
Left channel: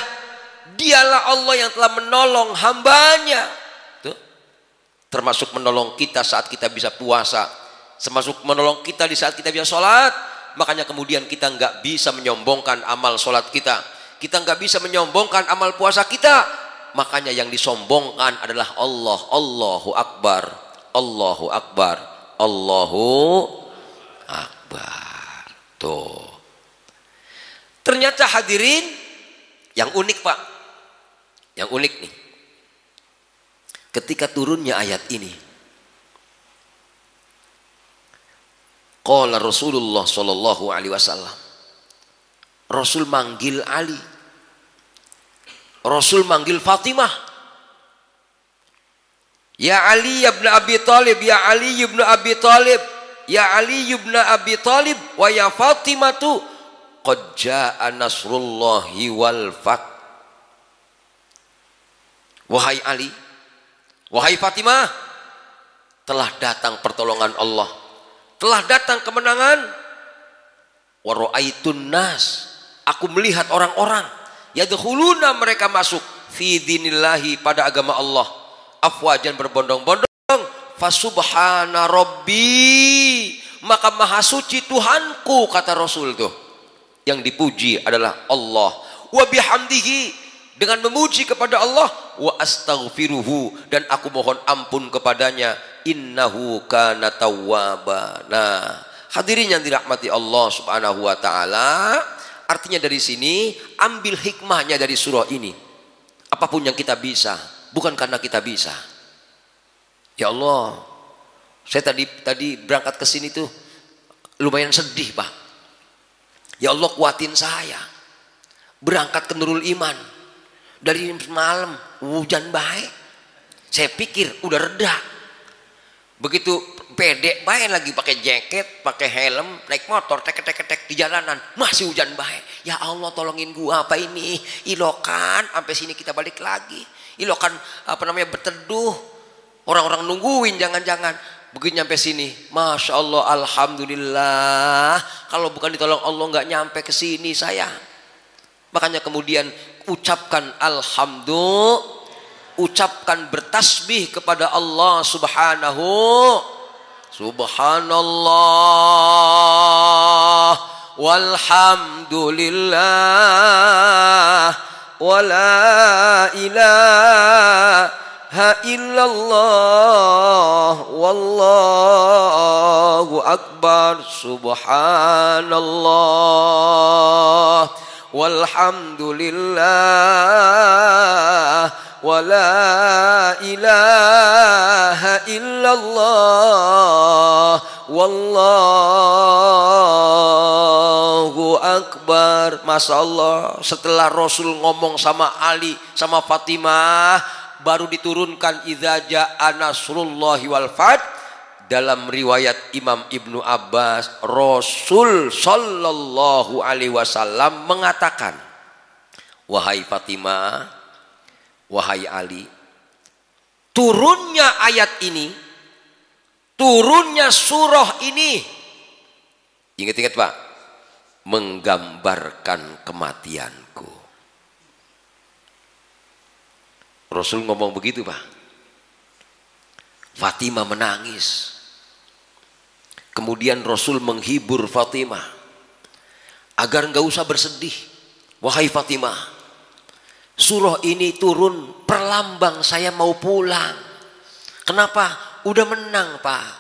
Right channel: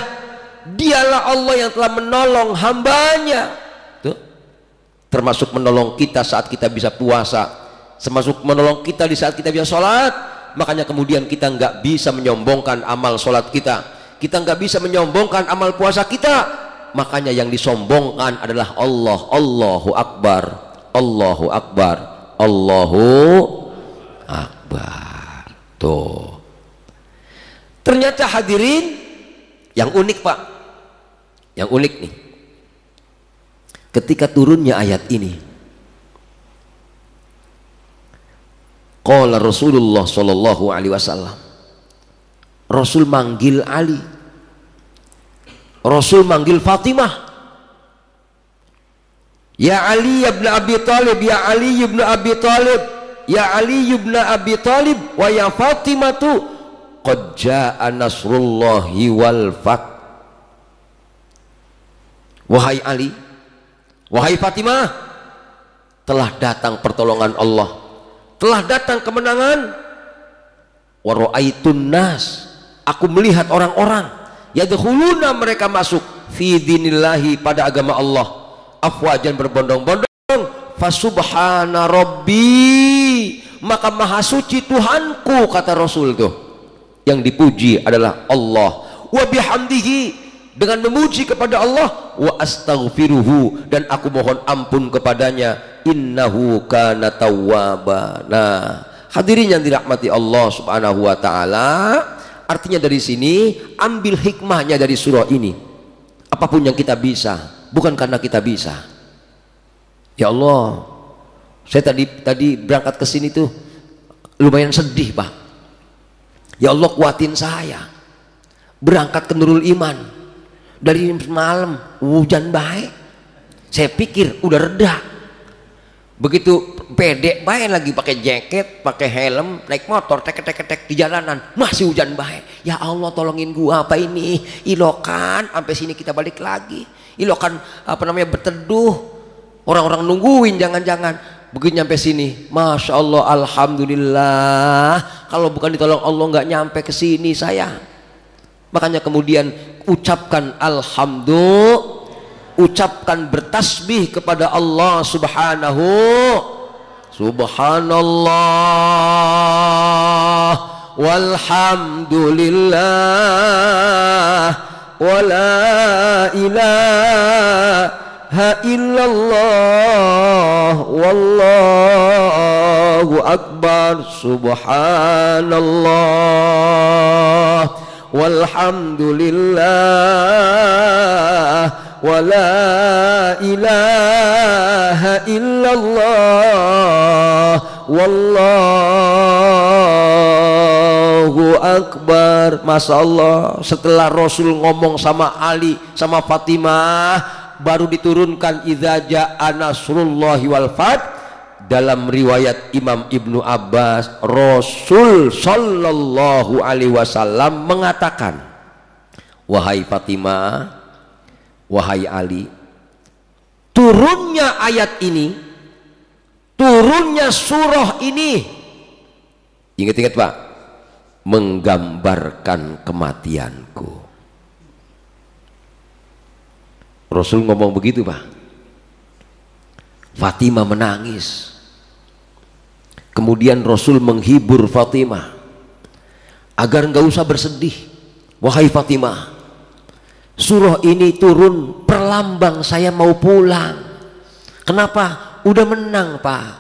dialah Allah yang telah menolong hambanya. Tuh, termasuk menolong kita saat kita bisa puasa, termasuk menolong kita di saat kita bisa sholat. Makanya kemudian kita nggak bisa menyombongkan amal sholat kita nggak bisa menyombongkan amal puasa kita. Makanya yang disombongkan adalah Allah. Allahu Akbar, Allahu Akbar, Allahu Akbar. Tuh, ternyata hadirin, yang unik Pak, yang unik nih, ketika turunnya ayat ini, qala Rasulullah sallallahu alaihi wasallam, Rasul manggil Ali, Rasul manggil Fatimah. Ya Ali ibn Abi Talib, ya Ali ibn Abi Talib, ya Ali ibn Abi Talib, wa ya Fatimatu, qad jaa nasrullahi wal fath. Wahai Ali, wahai Fatimah, telah datang pertolongan Allah, telah datang kemenangan. Wa ra'aitun nas, aku melihat orang-orang, yadkhuluna, mereka masuk, fi dinillahi, pada agama Allah, afwajan, berbondong-bondong. Fasubhana rabbi, maka maha suci Tuhanku, kata Rasul tuh. Yang dipuji adalah Allah. Wa bihamdihi, dengan memuji kepada Allah. Wa astaghfiruhu, dan aku mohon ampun kepadanya. Innahu kana tawwaba. Nah, hadirin yang dirahmati Allah subhanahu wa ta'ala, artinya dari sini ambil hikmahnya dari surah ini. Apapun yang kita bisa, bukan karena kita bisa. Ya Allah, saya tadi berangkat ke sini tuh lumayan sedih Pak. Ya Allah, kuatin saya. Berangkat ke Nurul Iman, dari malam hujan baik. Saya pikir udah reda. Begitu pede baik lagi, pakai jaket, pakai helm, naik motor, tek di jalanan, masih hujan baik. Ya Allah, tolongin gua, apa ini? Ilokan, sampai sini kita balik lagi. Ilokan berteduh, orang-orang nungguin, jangan-jangan. Begitu nyampe sini, masya Allah, alhamdulillah. Kalau bukan ditolong Allah nggak nyampe ke sini saya. Makanya kemudian ucapkan alhamdulillah, ucapkan bertasbih kepada Allah subhanahu. Subhanallah walhamdulillah wa la ilaha illallah wallahu akbar. Subhanallah walhamdulillah wa la ilaha illallah wallahu akbar. Masya Allah, setelah Rasul ngomong sama Ali, sama Fatimah, baru diturunkan idza jaa nasrullahi wal fath. Dalam riwayat Imam Ibnu Abbas, Rasul sallallahu alaihi wasallam mengatakan, wahai Fatimah, wahai Ali, turunnya ayat ini, turunnya surah ini, ingat-ingat Pak, menggambarkan kematianku. Rasul ngomong begitu Pak. Fatimah menangis. Kemudian Rasul menghibur Fatimah agar nggak usah bersedih. Wahai Fatimah, surah ini turun perlambang saya mau pulang. Kenapa? Udah menang Pak.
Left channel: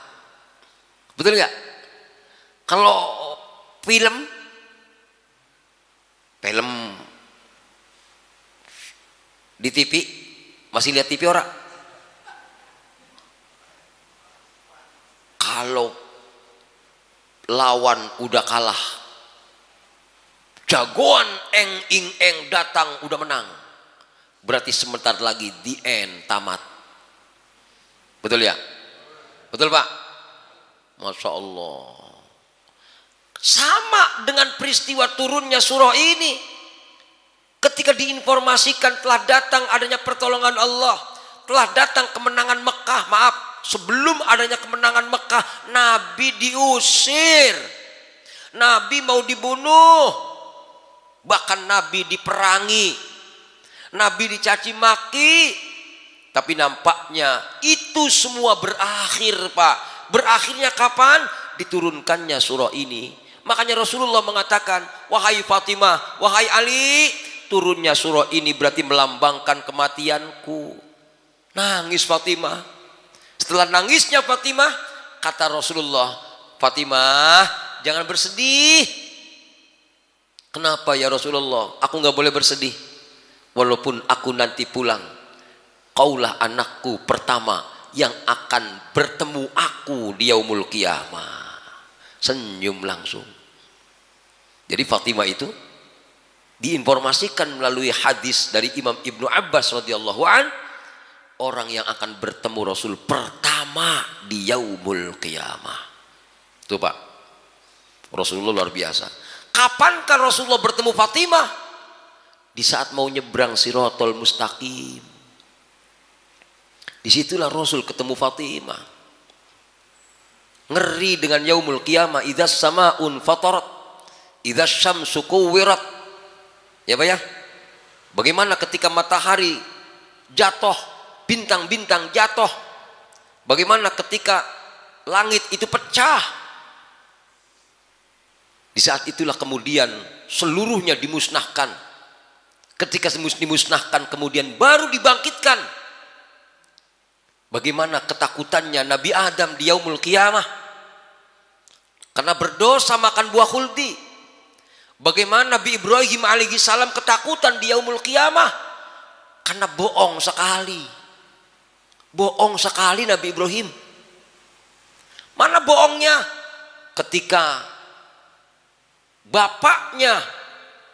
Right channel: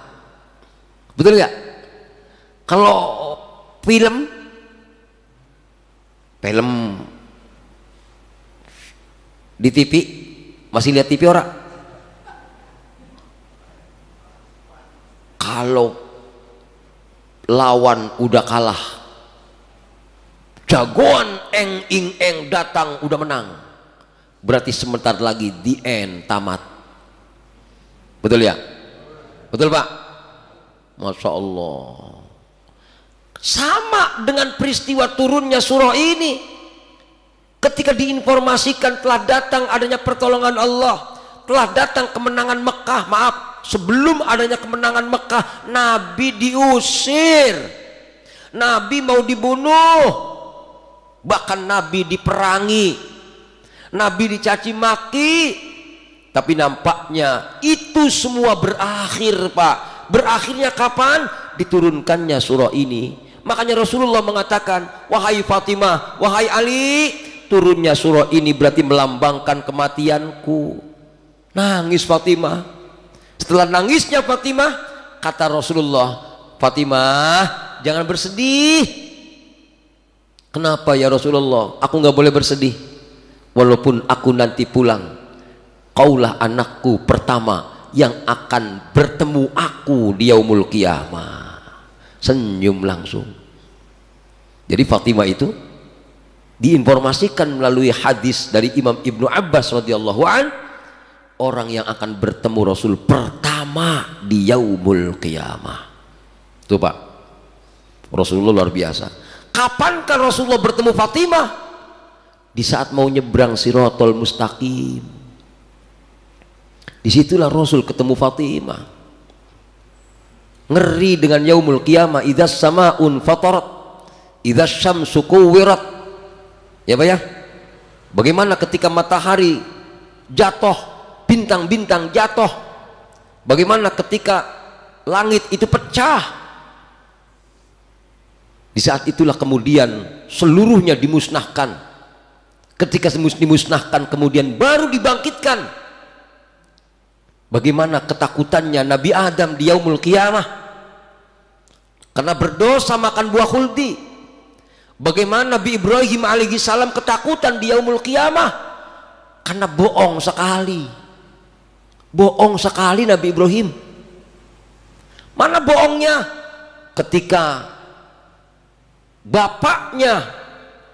Betul nggak? Kalau film di TV, masih lihat TV orang? Kalau lawan udah kalah, jagoan eng ing eng datang udah menang, berarti sebentar lagi the end, tamat. Betul ya? Betul Pak? Masya Allah. Sama dengan peristiwa turunnya surah ini. Ketika diinformasikan telah datang adanya pertolongan Allah, telah datang kemenangan Mekah. Maaf, sebelum adanya kemenangan Mekah, Nabi diusir, Nabi mau dibunuh, bahkan Nabi diperangi, Nabi dicaci maki. Tapi nampaknya itu semua berakhir, Pak. Berakhirnya kapan? Diturunkannya surah ini. Makanya Rasulullah mengatakan, wahai Fatimah, wahai Ali, turunnya surah ini berarti melambangkan kematianku. Nangis Fatimah. Setelah nangisnya Fatimah, kata Rasulullah, Fatimah, jangan bersedih. Kenapa ya Rasulullah? Aku nggak boleh bersedih. Walaupun aku nanti pulang, kaulah anakku pertama yang akan bertemu aku di yaumul qiyamah. Senyum langsung. Jadi Fatimah itu diinformasikan melalui hadis dari Imam Ibnu Abbas radhiyallahu an, orang yang akan bertemu Rasul pertama di yaumul qiyamah. Tuh Pak, Rasulullah luar biasa. Kapankah Rasulullah bertemu Fatimah? Di saat mau nyebrang Siratal Mustaqim. Disitulah Rasul ketemu Fatimah. Ngeri dengan yaumul qiyamah. Idzas samaun fatarat, idzas syamsu kuwirat. Ya Pak ya, bagaimana ketika matahari jatuh, bintang-bintang jatuh, bagaimana ketika langit itu pecah. Di saat itulah kemudian seluruhnya dimusnahkan. Ketika dimusnahkan kemudian baru dibangkitkan. Bagaimana ketakutannya Nabi Adam di yaumul qiyamah karena berdosa makan buah khuldi. Bagaimana Nabi Ibrahim alaihi salam ketakutan di yaumul qiyamah karena bohong sekali. Bohong sekali Nabi Ibrahim. Mana bohongnya? Ketika bapaknya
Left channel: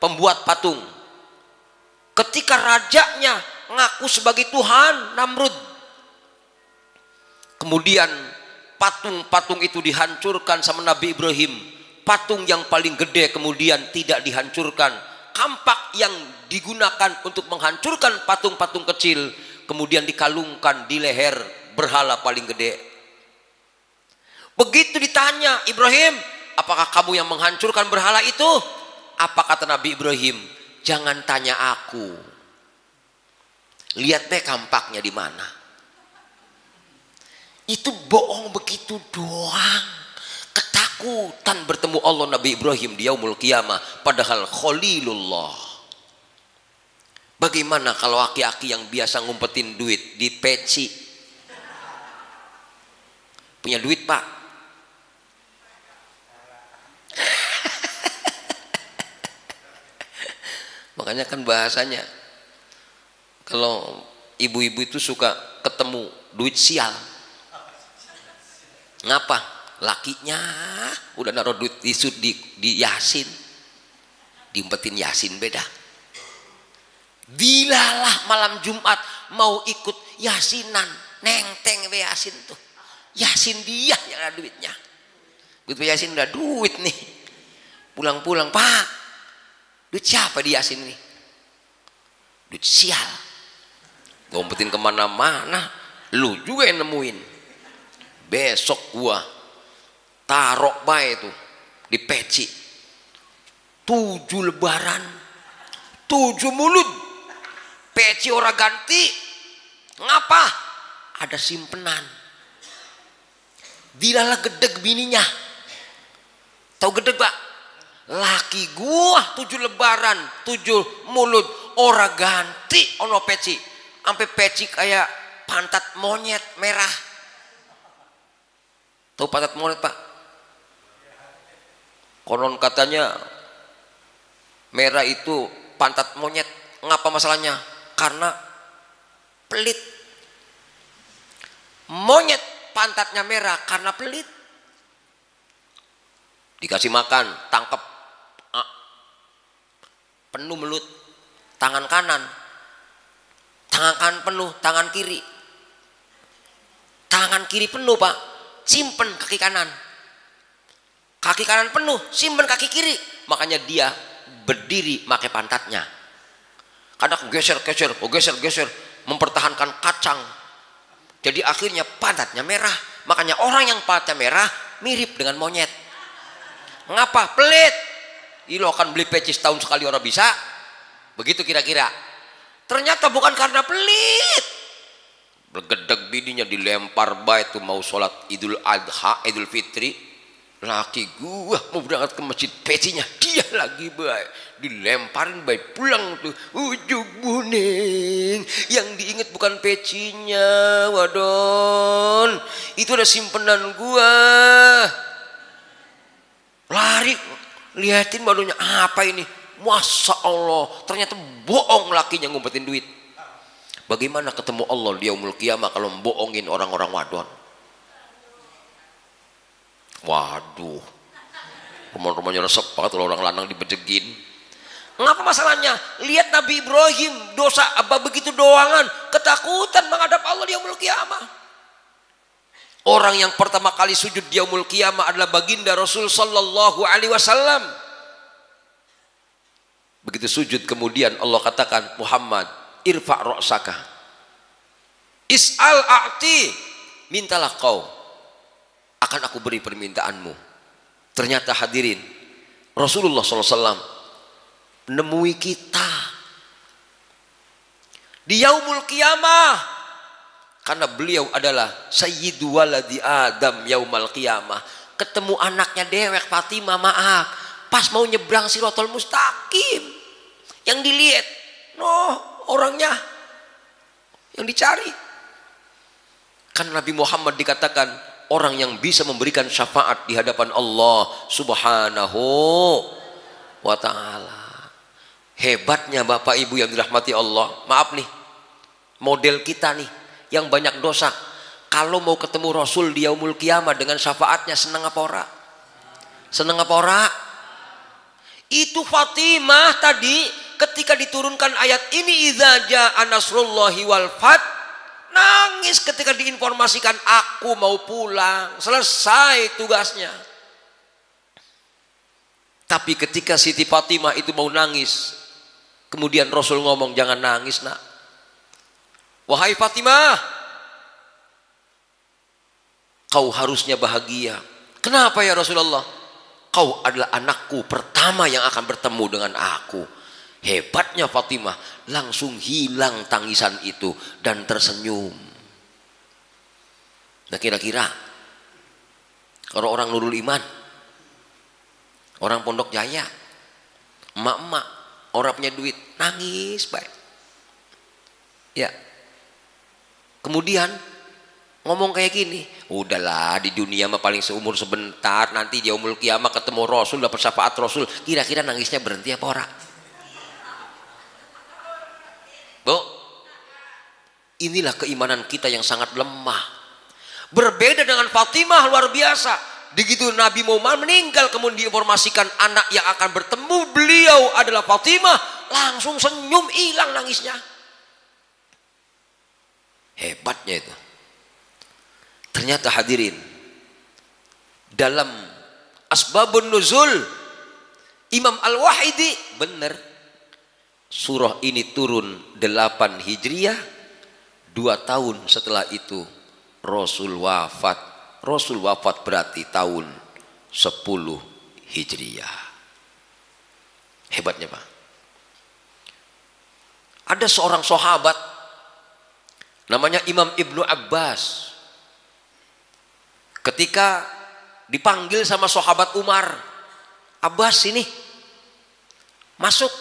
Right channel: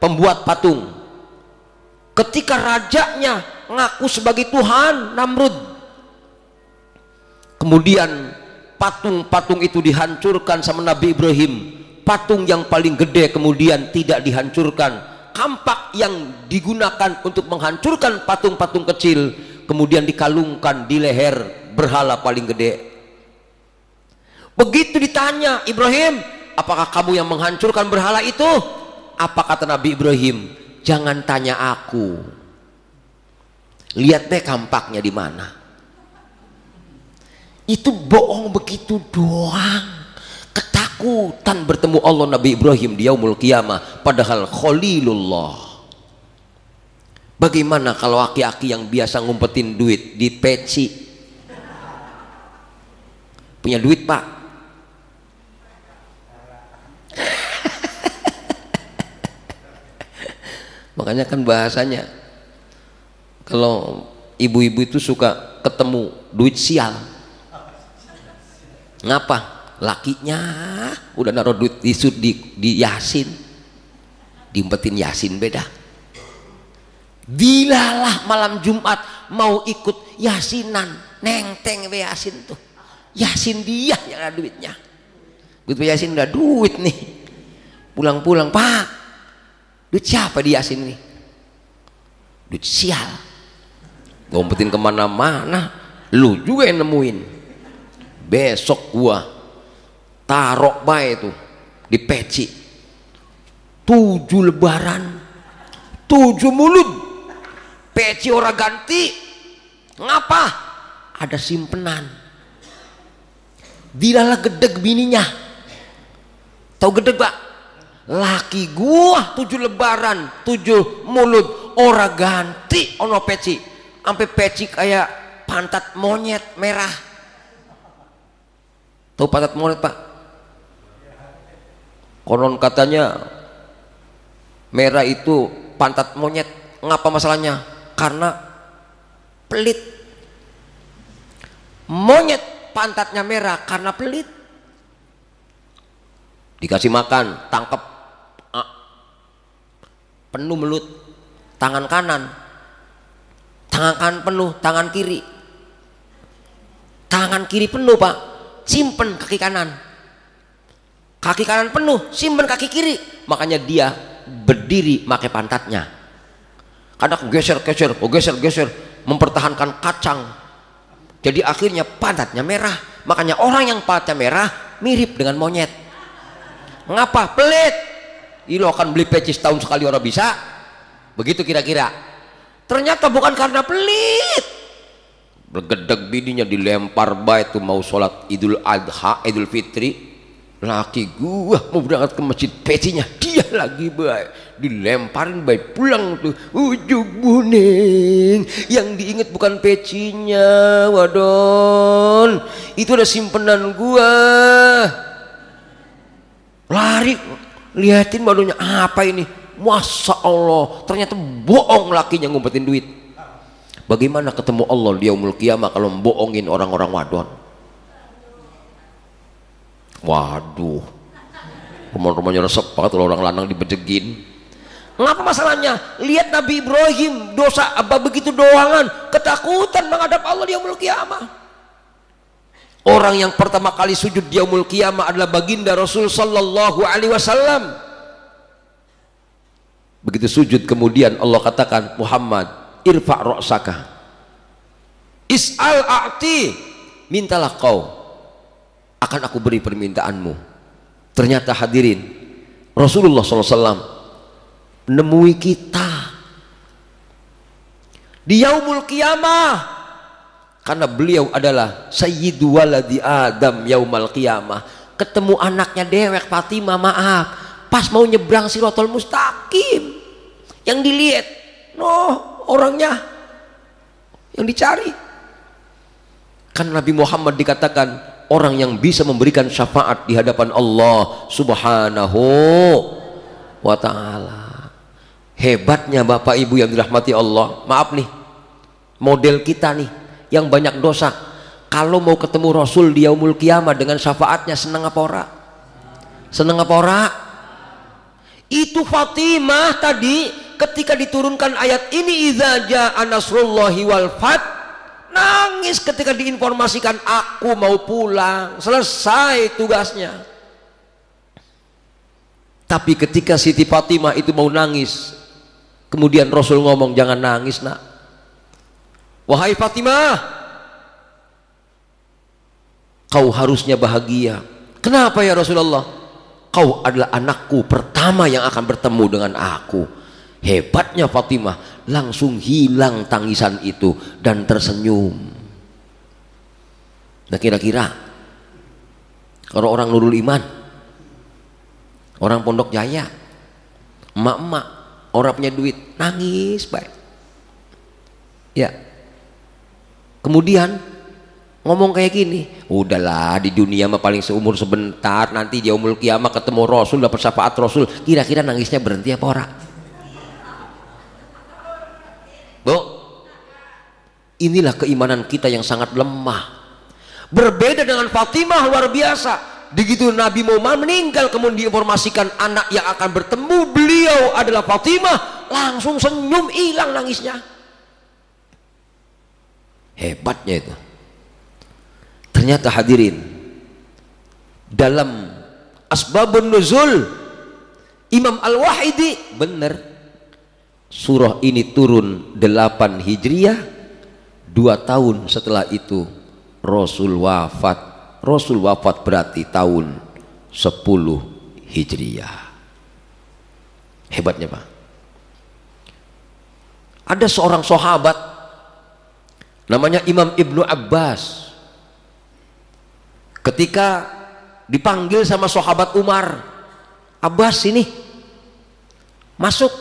pembuat patung, ketika rajanya ngaku sebagai Tuhan, Namrud. Kemudian patung-patung itu dihancurkan sama Nabi Ibrahim. Patung yang paling gede kemudian tidak dihancurkan. Kampak yang digunakan untuk menghancurkan patung-patung kecil kemudian dikalungkan di leher berhala paling gede. Begitu ditanya, Ibrahim, apakah kamu yang menghancurkan berhala itu? Apa kata Nabi Ibrahim? Jangan tanya aku. Lihat deh kampaknya di mana. Itu bohong begitu doang. Ketakutan bertemu Allah Nabi Ibrahim di yaumul qiyamah, padahal Khalilullah. Bagaimana kalau aki-aki yang biasa ngumpetin duit di peci? Punya duit Pak, makanya kan bahasanya kalau ibu-ibu itu suka ketemu duit sial. Ngapa? Lakinya udah naruh duit di Yasin, diumpetin Yasin beda. Bilalah malam Jumat mau ikut Yasinan, nengteng be Yasin tuh. Yasin dia yang ada duitnya. Duit Yasin udah duit nih. Pulang-pulang, Pak, duit siapa di Yasin nih? Duit sial. Ngumpetin kemana-mana, lu juga yang nemuin. Besok gua taruh baik tuh di peci 7 lebaran 7 mulut peci orang ganti. Ngapa? Ada simpenan. Dilalah gedeg bininya. Tahu gedeg Pak? Laki gua 7 lebaran 7 mulut orang ganti ono peci, sampai peci kayak pantat monyet merah. Tahu pantat monyet Pak? Konon katanya merah itu pantat monyet. Ngapa masalahnya? Karena pelit. Monyet pantatnya merah karena pelit. Dikasih makan, tangkep, penuh melut, tangan kanan penuh, tangan kiri penuh Pak, simpen kaki kanan. kaki kanan penuh, simpen kaki kiri. Makanya dia berdiri pakai pantatnya. Kadang geser, mempertahankan kacang. Jadi akhirnya pantatnya merah. Makanya orang yang pantatnya merah mirip dengan monyet. Ngapa? Pelit. Lo akan beli peci setahun sekali orang bisa. Begitu kira-kira. Ternyata bukan karena pelit. Bergedeg bininya dilempar baik tuh mau sholat Idul Adha, Idul Fitri. Laki gua mau berangkat ke masjid, pecinya dia lagi baik dilemparin baik pulang tuh ujung buning. Yang diinget bukan pecinya, wadon. Itu ada simpenan gua. Lari liatin badonya, apa ini? Masya Allah, ternyata bohong lakinya ngumpetin duit. Bagaimana ketemu Allah di yaumul qiyamah kalau membohongin orang-orang wadon? Waduh, rumah-rumahnya resep banget kalau orang lanang dibejegin. Ngapa masalahnya? Lihat Nabi Ibrahim, dosa apa begitu doangan, ketakutan menghadap Allah di yaumul qiyamah. Orang yang pertama kali sujud di yaumul qiyamah adalah baginda Rasul sallallahu alaihi wasallam. Begitu sujud kemudian Allah katakan, Muhammad, irfa' ra'saka, is'al a'ti, mintalah kau, akan aku beri permintaanmu. Ternyata hadirin, Rasulullah SAW menemui kita di yaumul qiyamah karena beliau adalah sayyidu waladi Adam yaumal qiyamah. Ketemu anaknya dewek Fatimah, maaf, pas mau nyebrang Shirathul Mustaqim, yang dilihat orangnya yang dicari. Kan Nabi Muhammad dikatakan orang yang bisa memberikan syafaat di hadapan Allah Subhanahu wa ta'ala. Hebatnya Bapak Ibu yang dirahmati Allah. Maaf nih, model kita nih yang banyak dosa, kalau mau ketemu Rasul di yaumul qiyamah dengan syafaatnya, seneng apa ora? Seneng apa ora? Itu Fatimah tadi ketika diturunkan ayat ini, idza jaa nasrullahi wal fath, nangis ketika diinformasikan aku mau pulang, selesai tugasnya. Tapi ketika Siti Fatimah itu mau nangis, kemudian Rasul ngomong, jangan nangis nak, wahai Fatimah, kau harusnya bahagia. Kenapa ya Rasulullah? Kau adalah anakku pertama yang akan bertemu dengan aku. Hebatnya Fatimah, langsung hilang tangisan itu dan tersenyum. Nah kira-kira kalau orang Nurul Iman, orang Pondok Jaya, emak-emak, orang punya duit, nangis baik. Ya. Kemudian ngomong kayak gini, udahlah di dunia mah paling seumur sebentar, nanti di yaumul qiyamah ketemu Rasul, dapat syafaat Rasul. Kira-kira nangisnya berhenti apa ora? Bu, inilah keimanan kita yang sangat lemah. Berbeda dengan Fatimah, luar biasa. Begitu Nabi Muhammad meninggal kemudian diinformasikan anak yang akan bertemu beliau adalah Fatimah, langsung senyum, hilang nangisnya. Hebatnya itu. Ternyata hadirin, dalam asbabun nuzul Imam Al-Wahidi benar, surah ini turun 8 Hijriah, 2 tahun setelah itu Rasul wafat. Rasul wafat berarti tahun 10 Hijriah. Hebatnya Pak. Ada seorang sahabat namanya Imam Ibnu Abbas. Ketika dipanggil sama sahabat Umar, Abbas sini masuk.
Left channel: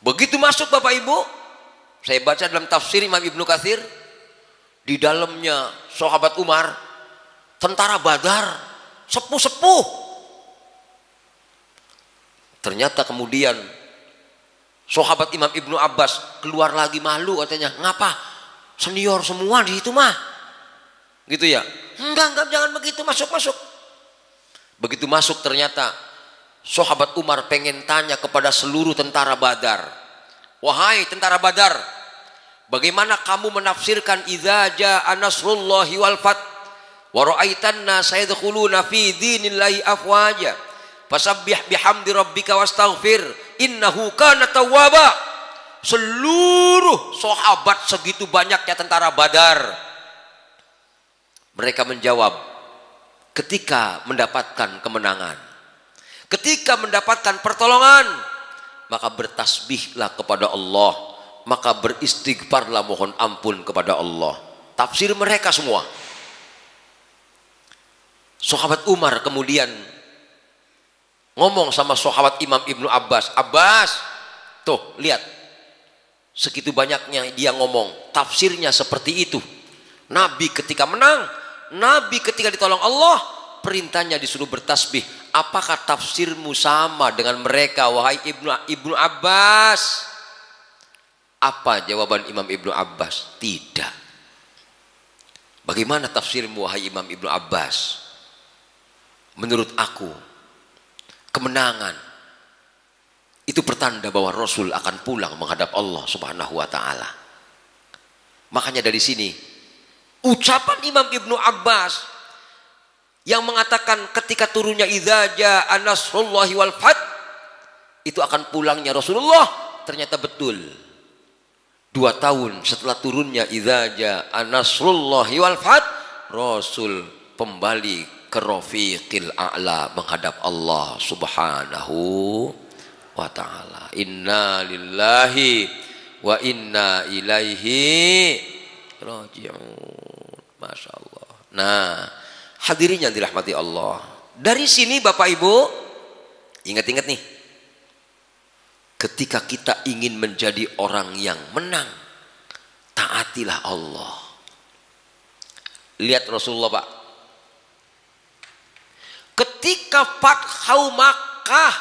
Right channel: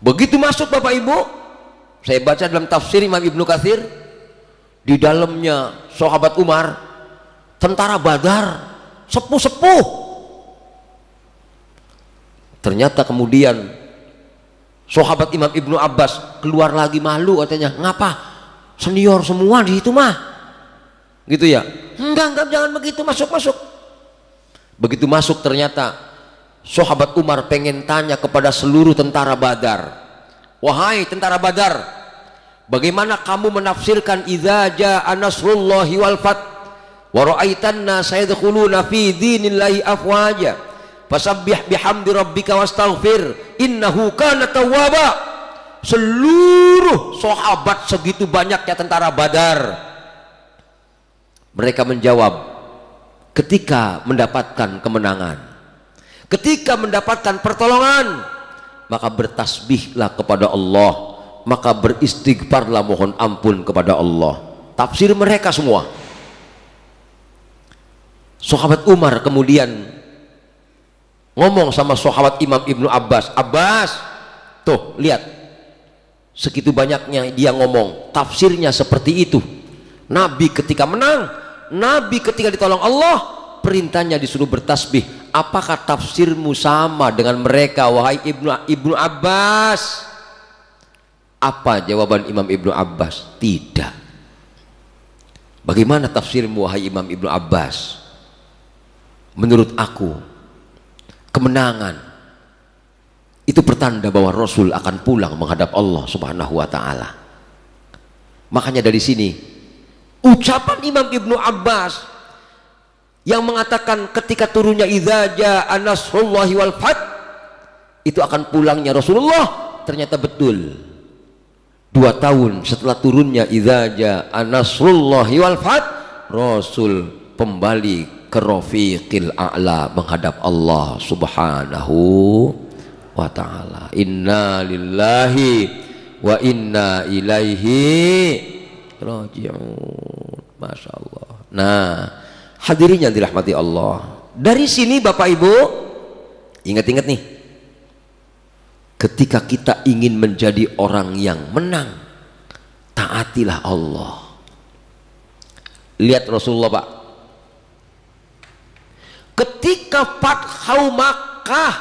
Begitu masuk Bapak Ibu, saya baca dalam tafsir Imam Ibnu Katsir, di dalamnya sahabat Umar, tentara Badar, sepuh-sepuh. Ternyata kemudian sahabat Imam Ibnu Abbas keluar lagi malu, katanya, ngapa senior semua di situ mah, gitu ya? Enggak, jangan begitu, masuk. Begitu masuk ternyata sahabat Umar pengen tanya kepada seluruh tentara Badar, wahai tentara Badar, bagaimana kamu menafsirkan idza jaa nasrullahi wal fath? Wa ra'aitan nasa yadkhuluna fi dinillahi afwaja. Fasabbih bihamdi rabbika wastaghfir innahu kana tawwaba. Seluruh sahabat segitu banyaknya tentara Badar, mereka menjawab ketika mendapatkan kemenangan, ketika mendapatkan pertolongan, maka bertasbihlah kepada Allah, maka beristighfarlah, mohon ampun kepada Allah. Tafsir mereka semua. Sahabat Umar kemudian ngomong sama sahabat Imam Ibnu Abbas, Abbas, tuh lihat, segitu banyaknya dia ngomong, tafsirnya seperti itu. Nabi ketika menang, Nabi ketika ditolong Allah, perintahnya disuruh bertasbih. Apakah tafsirmu sama dengan mereka, wahai Ibnu Abbas? Apa jawaban Imam Ibnu Abbas? Tidak. Bagaimana tafsirmu, wahai Imam Ibnu Abbas? Menurut aku, kemenangan itu pertanda bahwa Rasul akan pulang menghadap Allah Subhanahu wa ta'ala. Makanya dari sini ucapan Imam Ibnu Abbas yang mengatakan ketika turunnya idza jaa nasrullahi wal fath, itu akan pulangnya Rasulullah, ternyata betul. 2 tahun setelah turunnya idza jaa nasrullahi wal fath, Rasul kembali ke Rafiqil A'la menghadap Allah Subhanahu wa ta'ala. Inna lillahi wa inna ilaihi raji'un. Masya Allah. Nah, hadirin yang dirahmati Allah, dari sini Bapak Ibu ingat-ingat nih, ketika kita ingin menjadi orang yang menang, taatilah Allah. Lihat Rasulullah Pak, ketika Fathu Makkah,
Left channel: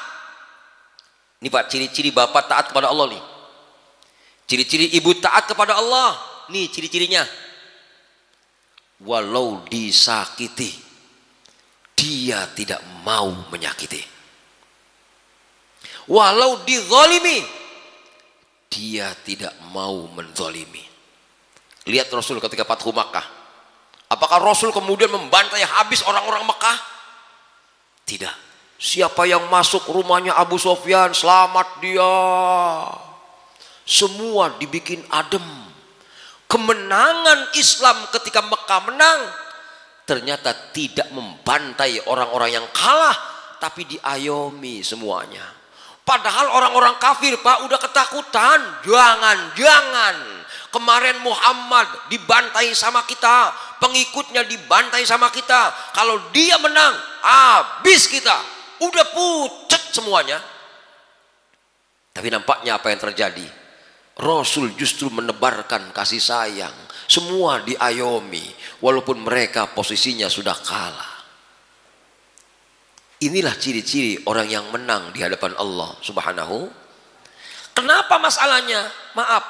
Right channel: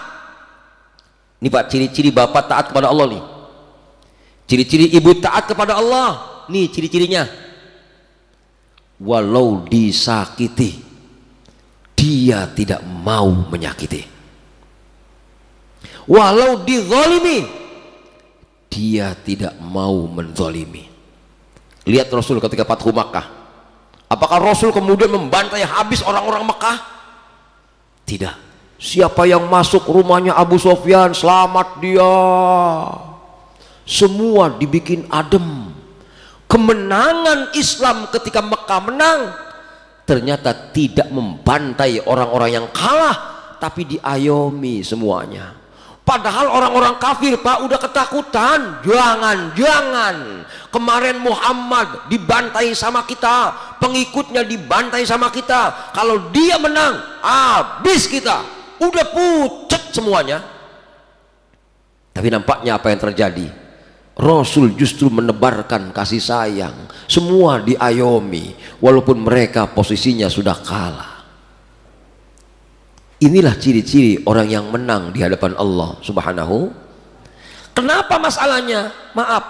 ini Pak, ciri-ciri bapak taat kepada Allah nih, ciri-ciri ibu taat kepada Allah nih, ciri-cirinya. Walau disakiti, dia tidak mau menyakiti. Walau dizalimi, dia tidak mau menzalimi. Lihat Rasul ketika Fathu Makkah, apakah Rasul kemudian membantai habis orang-orang Makkah? Tidak. Siapa yang masuk rumahnya Abu Sofyan, selamat dia. Semua dibikin adem. Kemenangan Islam ketika Mekah menang, ternyata tidak membantai orang-orang yang kalah, tapi diayomi semuanya. Padahal orang-orang kafir Pak udah ketakutan. Jangan kemarin Muhammad dibantai sama kita, pengikutnya dibantai sama kita, kalau dia menang habis kita, udah pucat semuanya. Tapi nampaknya apa yang terjadi? Rasul justru menebarkan kasih sayang, semua diayomi walaupun mereka posisinya sudah kalah. Inilah ciri-ciri orang yang menang di hadapan Allah Subhanahu. Kenapa masalahnya? Maaf,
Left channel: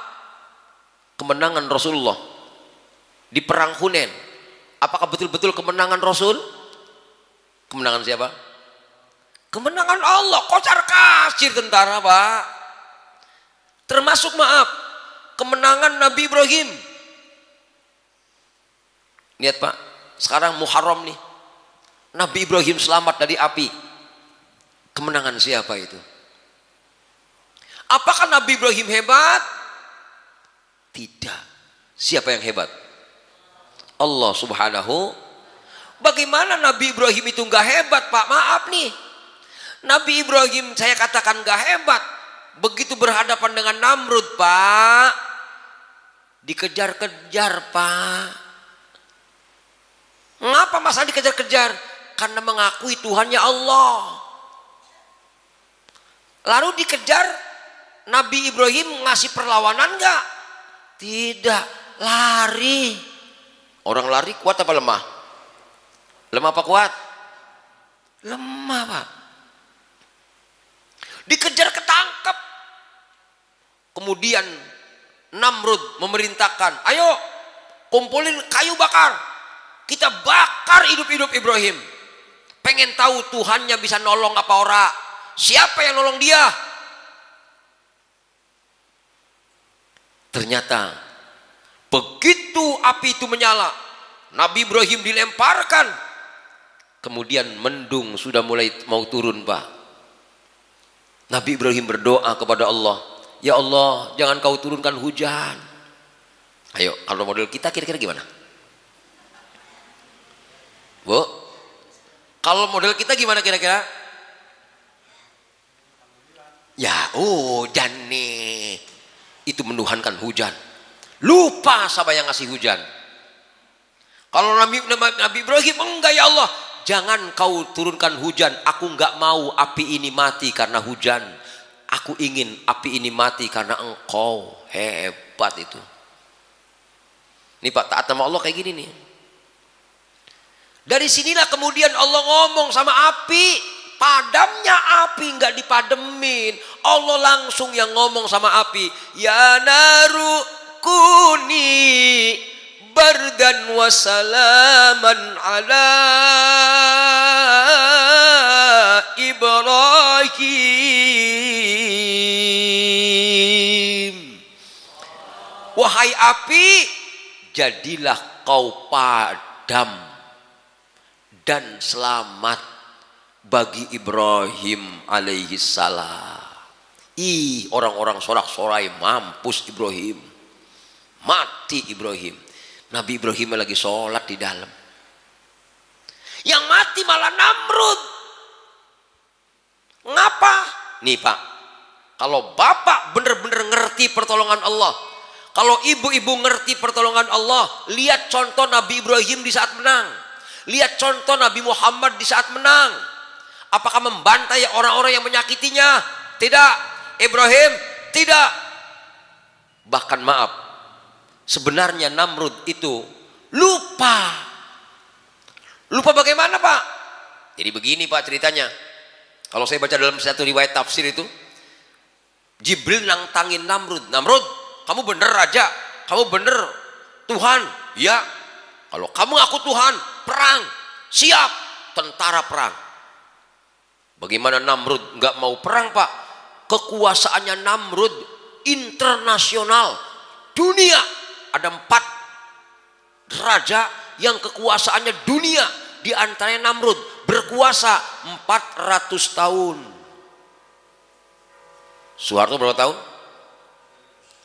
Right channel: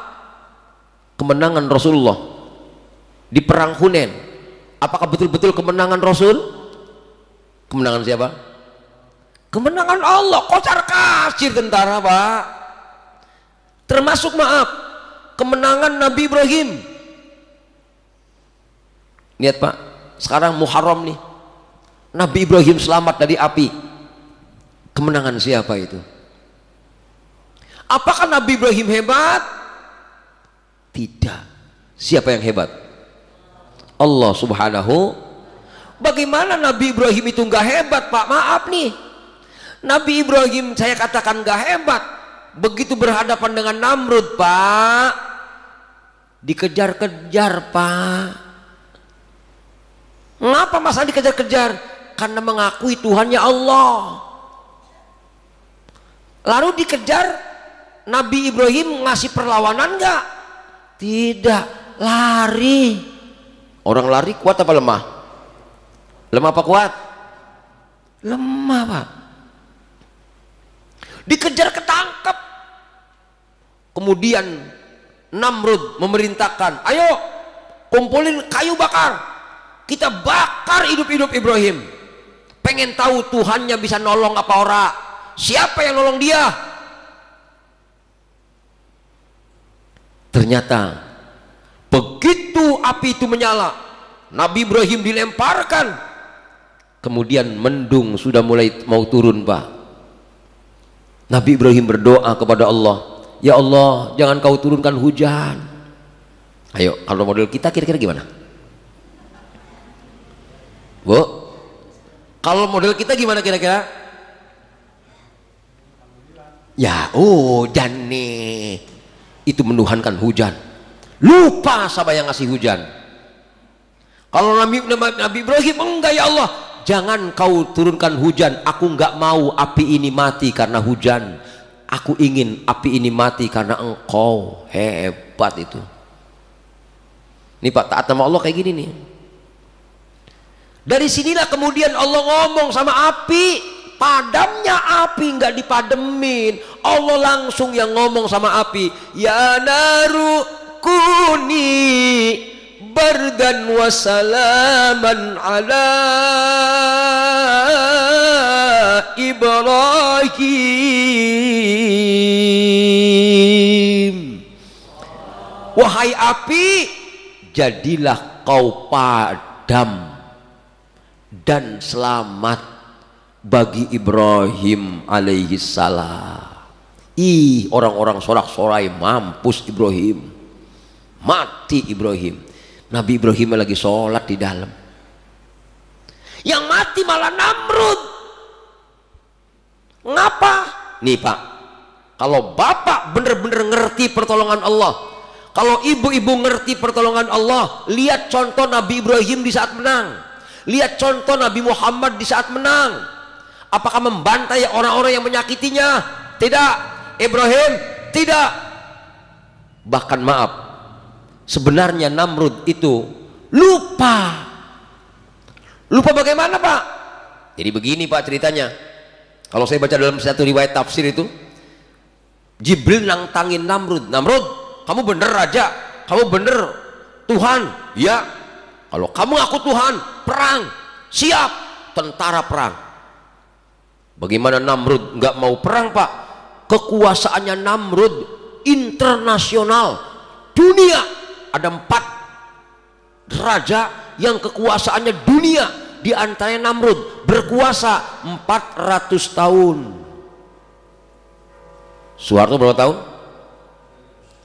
kemenangan Rasulullah di perang Hunain, apakah betul-betul kemenangan Rasul? Kemenangan siapa? Kemenangan Allah. Kocar kacir tentara Pak. Termasuk maaf, kemenangan Nabi Ibrahim. Lihat Pak, sekarang Muharram nih, Nabi Ibrahim selamat dari api. Kemenangan siapa itu? Apakah Nabi Ibrahim hebat? Tidak. Siapa yang hebat? Allah Subhanahu. Bagaimana Nabi Ibrahim itu nggak hebat Pak? Maaf nih, Nabi Ibrahim saya katakan nggak hebat. Begitu berhadapan dengan Namrud Pak, dikejar-kejar Pak. Ngapa masalah dikejar-kejar? Karena mengakui Tuhannya Allah. Lalu dikejar, Nabi Ibrahim ngasih perlawanan nggak? Tidak, lari. Orang lari kuat apa lemah? Lemah apa kuat? Lemah Pak. Dikejar ketangkep. Kemudian Namrud memerintahkan, ayo kumpulin kayu bakar, kita bakar hidup-hidup Ibrahim. Pengen tahu Tuhannya bisa nolong apa ora? Siapa yang nolong dia? Ternyata begitu api itu menyala, Nabi Ibrahim dilemparkan, kemudian mendung sudah mulai mau turun Pak. Nabi Ibrahim berdoa kepada Allah, ya Allah jangan kau turunkan hujan. Ayo kalau model kita kira-kira gimana Bu? Kalau model kita gimana kira-kira? Ya hujan nih, itu menuhankan hujan, lupa siapa yang ngasih hujan. Kalau Nabi Ibrahim, enggak ya Allah, jangan kau turunkan hujan, aku enggak mau api ini mati karena hujan, aku ingin api ini mati karena engkau. Hebat itu. Ini Pak, taat sama Allah kayak gini nih. Dari sinilah kemudian Allah ngomong sama api, padamnya api, nggak dipademin. Allah langsung yang ngomong sama api, ya naru kuni bardan wa salaman ala Ibrahim. Wahai api, jadilah kau padam dan selamat bagi Ibrahim alaihi salam. Ih, orang-orang sorak-sorai, mampus Ibrahim, mati Ibrahim. Nabi Ibrahim lagi sholat di dalam, yang mati malah Namrud. Ngapa? Nih Pak, kalau bapak bener-bener ngerti pertolongan Allah, kalau ibu-ibu ngerti pertolongan Allah, lihat contoh Nabi Ibrahim di saat menang, lihat contoh Nabi Muhammad di saat menang. Apakah membantai orang-orang yang menyakitinya? Tidak. Ibrahim tidak. Bahkan maaf, sebenarnya Namrud itu lupa. Lupa bagaimana Pak? Jadi begini Pak ceritanya. Kalau saya baca dalam satu riwayat tafsir itu, Jibril nantangin Namrud. Namrud, kamu bener raja, kamu bener Tuhan. Ya, kalau kamu ngaku Tuhan, perang, siap, tentara perang. Bagaimana Namrud nggak mau perang Pak? Kekuasaannya Namrud internasional, dunia. Ada 4 raja yang kekuasaannya dunia, di antaranya Namrud berkuasa 400 tahun. Soeharto berapa tahun?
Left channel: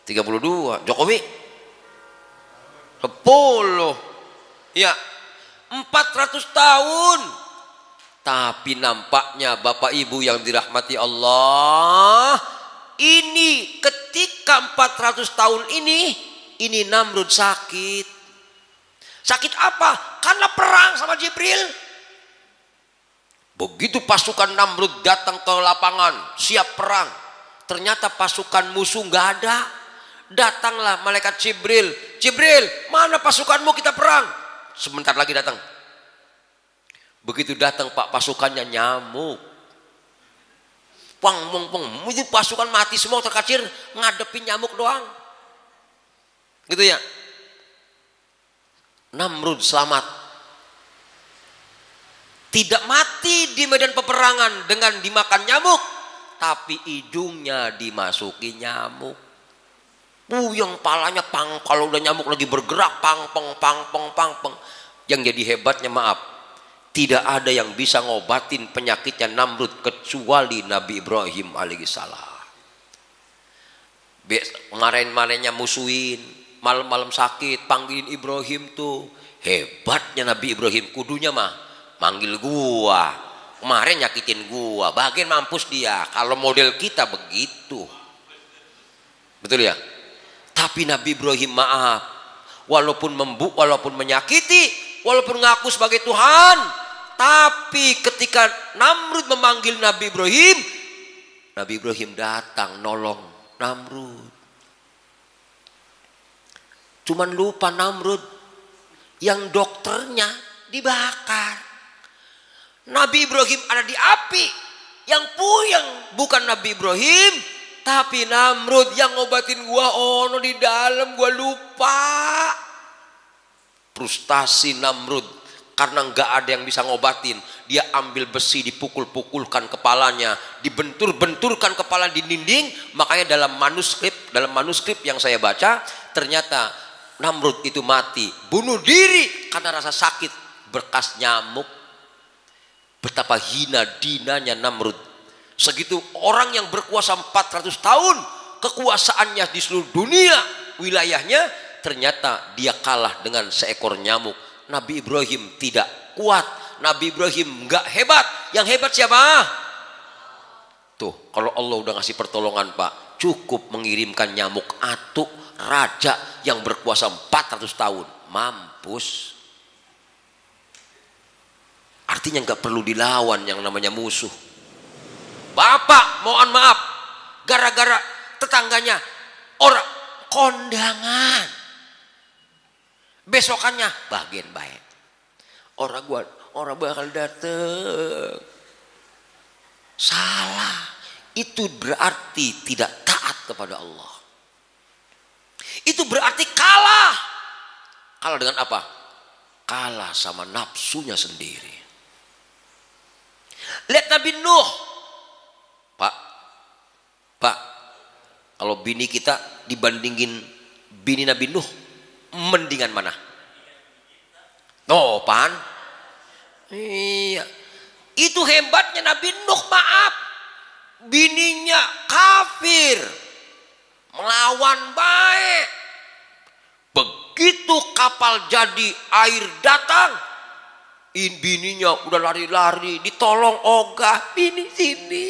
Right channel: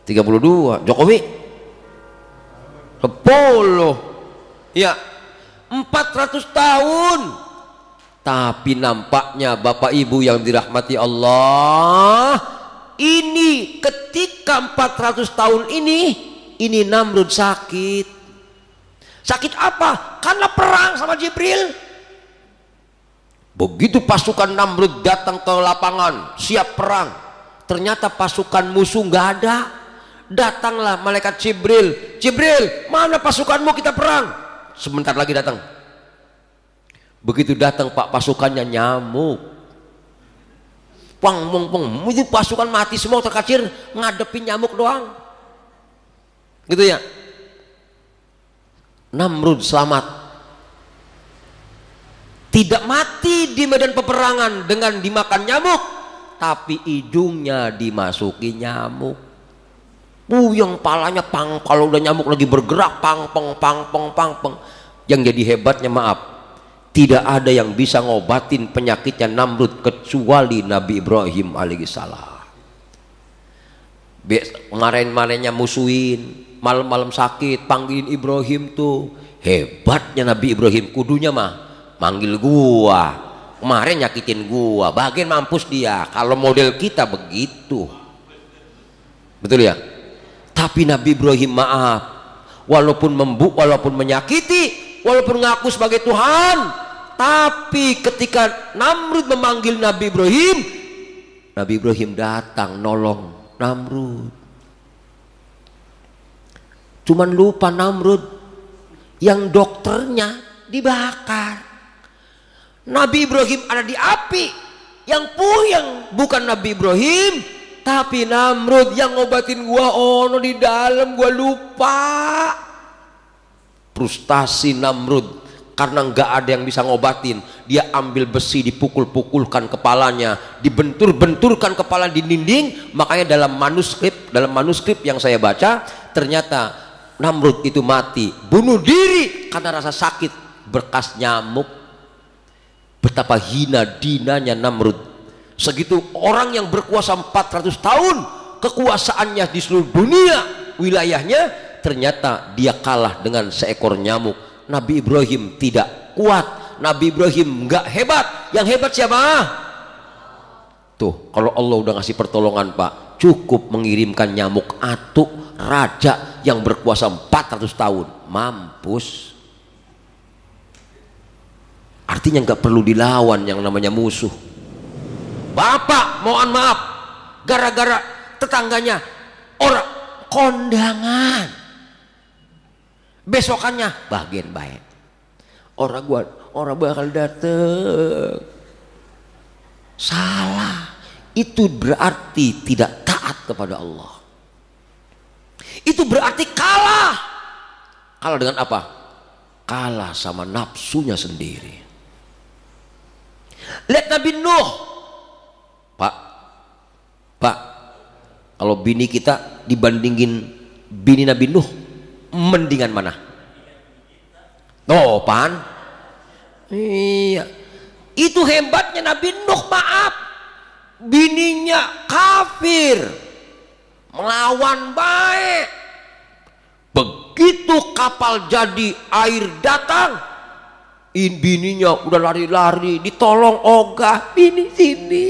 32. Jokowi 10. Ya, 400 tahun. Tapi nampaknya Bapak Ibu yang dirahmati Allah, ini ketika 400 tahun ini Namrud sakit. Sakit apa? Karena perang sama Jibril. Begitu pasukan Namrud datang ke lapangan siap perang, ternyata pasukan musuh nggak ada. Datanglah malaikat Jibril. Jibril, mana pasukanmu, kita perang. Sebentar lagi datang. Begitu datang Pak, pasukannya nyamuk. Pang, itu pasukan mati semua terkacir, ngadepin nyamuk doang. Gitu ya. Namrud selamat. Tidak mati di medan peperangan dengan dimakan nyamuk, tapi hidungnya dimasuki nyamuk. Yang palanya pang, kalau udah nyamuk lagi bergerak pang. Yang jadi hebatnya maaf, tidak ada yang bisa ngobatin penyakitnya Namrud kecuali Nabi Ibrahim alaihissalam. Kemarin-kemarinnya musuhin, malam-malam sakit, panggilin Ibrahim tuh. Hebatnya Nabi Ibrahim, kudunya mah manggil gua. Kemarin nyakitin gua, bagian mampus dia. Kalau model kita begitu, betul ya. Tapi Nabi Ibrahim maaf, walaupun walaupun menyakiti, walaupun ngaku sebagai Tuhan, tapi ketika Namrud memanggil Nabi Ibrahim datang nolong Namrud. Cuman lupa Namrud, yang dokternya dibakar. Nabi Ibrahim ada di api, yang puyeng bukan Nabi Ibrahim, tapi Namrud. Yang ngobatin gua ono di dalam, gua lupa. Frustasi Namrud karena nggak ada yang bisa ngobatin. Dia ambil besi, dipukul-pukulkan kepalanya, dibentur-benturkan kepala di dinding. Makanya dalam manuskrip yang saya baca, ternyata Namrud itu mati, bunuh diri karena rasa sakit bekas nyamuk. Betapa hina dinanya Namrud. Segitu orang yang berkuasa 400 tahun, kekuasaannya di seluruh dunia, wilayahnya, ternyata dia kalah dengan seekor nyamuk. Nabi Ibrahim tidak kuat, Nabi Ibrahim nggak hebat. Yang hebat siapa? Tuh, kalau Allah udah ngasih pertolongan Pak, cukup mengirimkan nyamuk atuk, raja yang berkuasa 400 tahun, mampus. Artinya nggak perlu dilawan yang namanya musuh. Bapak mohon maaf, gara-gara tetangganya orang kondangan, besokannya bagian baik, orang bakal dateng. Salah, itu berarti tidak taat kepada Allah. Itu berarti kalah. Kalah dengan apa? Kalah sama nafsunya sendiri. Lihat Nabi Nuh. Pak, kalau bini kita dibandingin bini Nabi Nuh, mendingan mana? Oh, pan? Iya. Itu hebatnya Nabi Nuh, maaf. Bininya kafir, melawan baik. Begitu kapal jadi, air datang, bininya udah lari-lari, ditolong ogah, bini sini.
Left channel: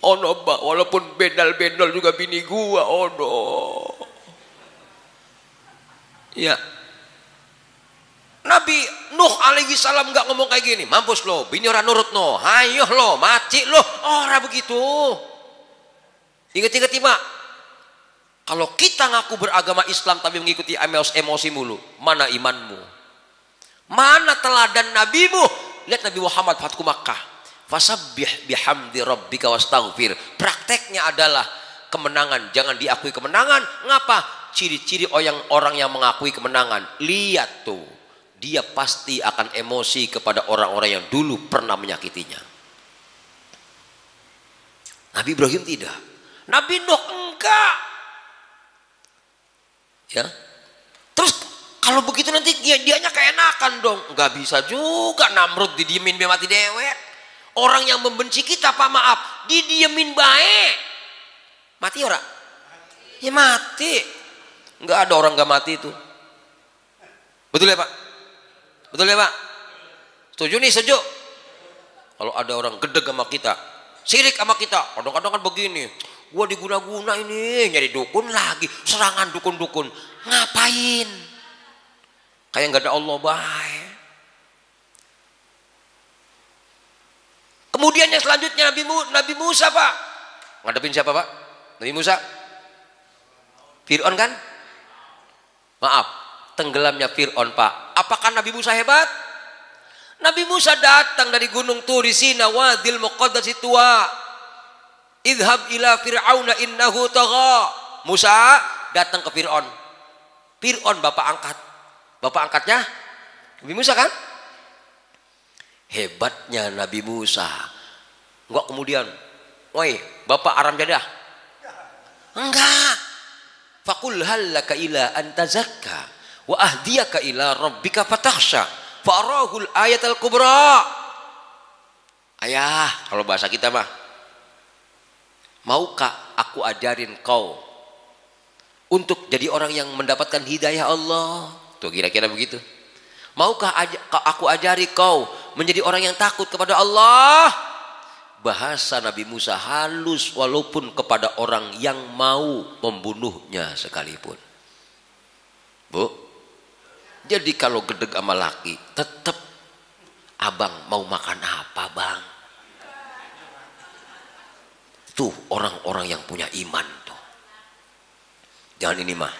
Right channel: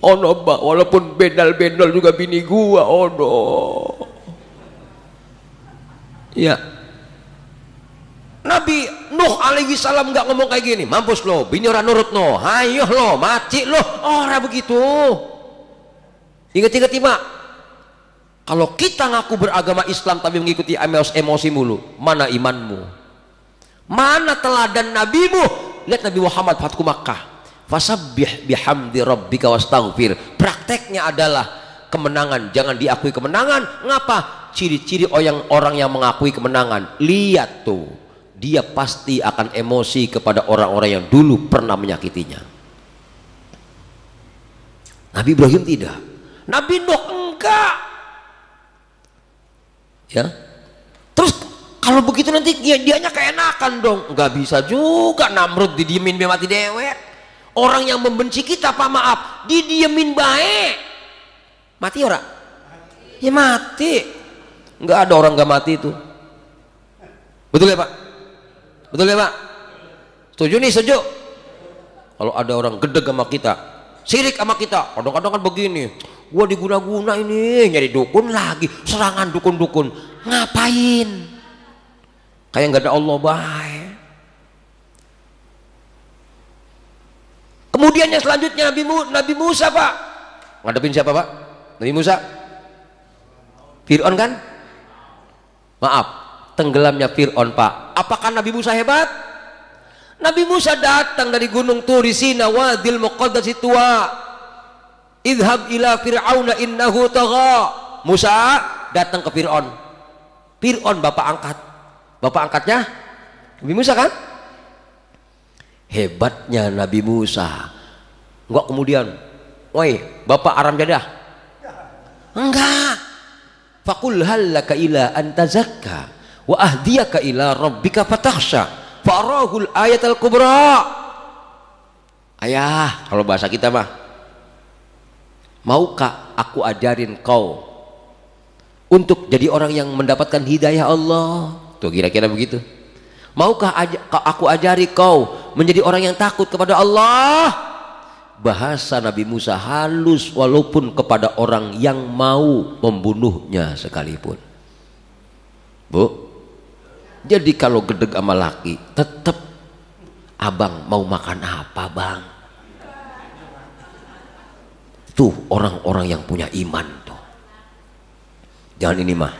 Oh no, walaupun bendal-bendal juga bini gua, oh no. Ya. Nabi Nuh alaihi salam nggak ngomong kayak gini, mampus lo, bini orang nurut no, hayo lo, mati lo, orang begitu. Ingat-ingat Pak, kalau kita ngaku beragama Islam tapi mengikuti emosi mulu, mana imanmu? Mana teladan nabimu? Lihat Nabi Muhammad Fatku Makkah, fasabbih bihamdi rabbika wastaghfir. Prakteknya adalah kemenangan jangan diakui kemenangan. Ngapa? Ciri-ciri orang yang mengakui kemenangan, lihat tuh, dia pasti akan emosi kepada orang-orang yang dulu pernah menyakitinya. Nabi Ibrahim tidak, Nabi Nuh enggak. Ya, terus kalau begitu nanti dianya keenakan dong. Nggak bisa juga Namrud didiemin biar mati dewek. Orang yang membenci kita, Pak maaf, didiemin baik, mati orang? Ya mati. Nggak ada orang nggak mati itu. Betul ya Pak? Betul ya Pak? Setuju nih, setuju? Kalau ada orang gedeg sama kita, sirik sama kita, kadang-kadang kan begini, gua diguna-guna ini, nyari dukun lagi, serangan dukun-dukun, ngapain? Kayak nggak ada Allah baik. Kemudian yang selanjutnya Nabi Musa Pak, ngadepin siapa Pak? Nabi Musa? Fir'aun kan? Maaf, tenggelamnya Fir'aun Pak. Apakah Nabi Musa hebat? Nabi Musa datang dari gunung Turi Sina, wadil muqaddasi tua, idhab ila fir'auna innahu tagha. Musa datang ke Fir'aun. Fir'aun bapak angkat, bapak angkatnya Nabi Musa kan? Hebatnya Nabi Musa, enggak kemudian, woi bapak aram jadah, enggak. Fakul hallaka ila antazakka wa ahdiyaka ila rabbika fatakhsha farahul ayatal kubra. Ayah, kalau bahasa kita mah, maukah aku ajarin kau untuk jadi orang yang mendapatkan hidayah Allah? Tuh kira-kira begitu. Maukah aku ajari kau menjadi orang yang takut kepada Allah? Bahasa Nabi Musa halus walaupun kepada orang yang mau membunuhnya sekalipun. Bu, jadi kalau gedeg sama laki, tetap abang mau makan apa bang? Tuh orang-orang yang punya iman tuh. Jangan ini mah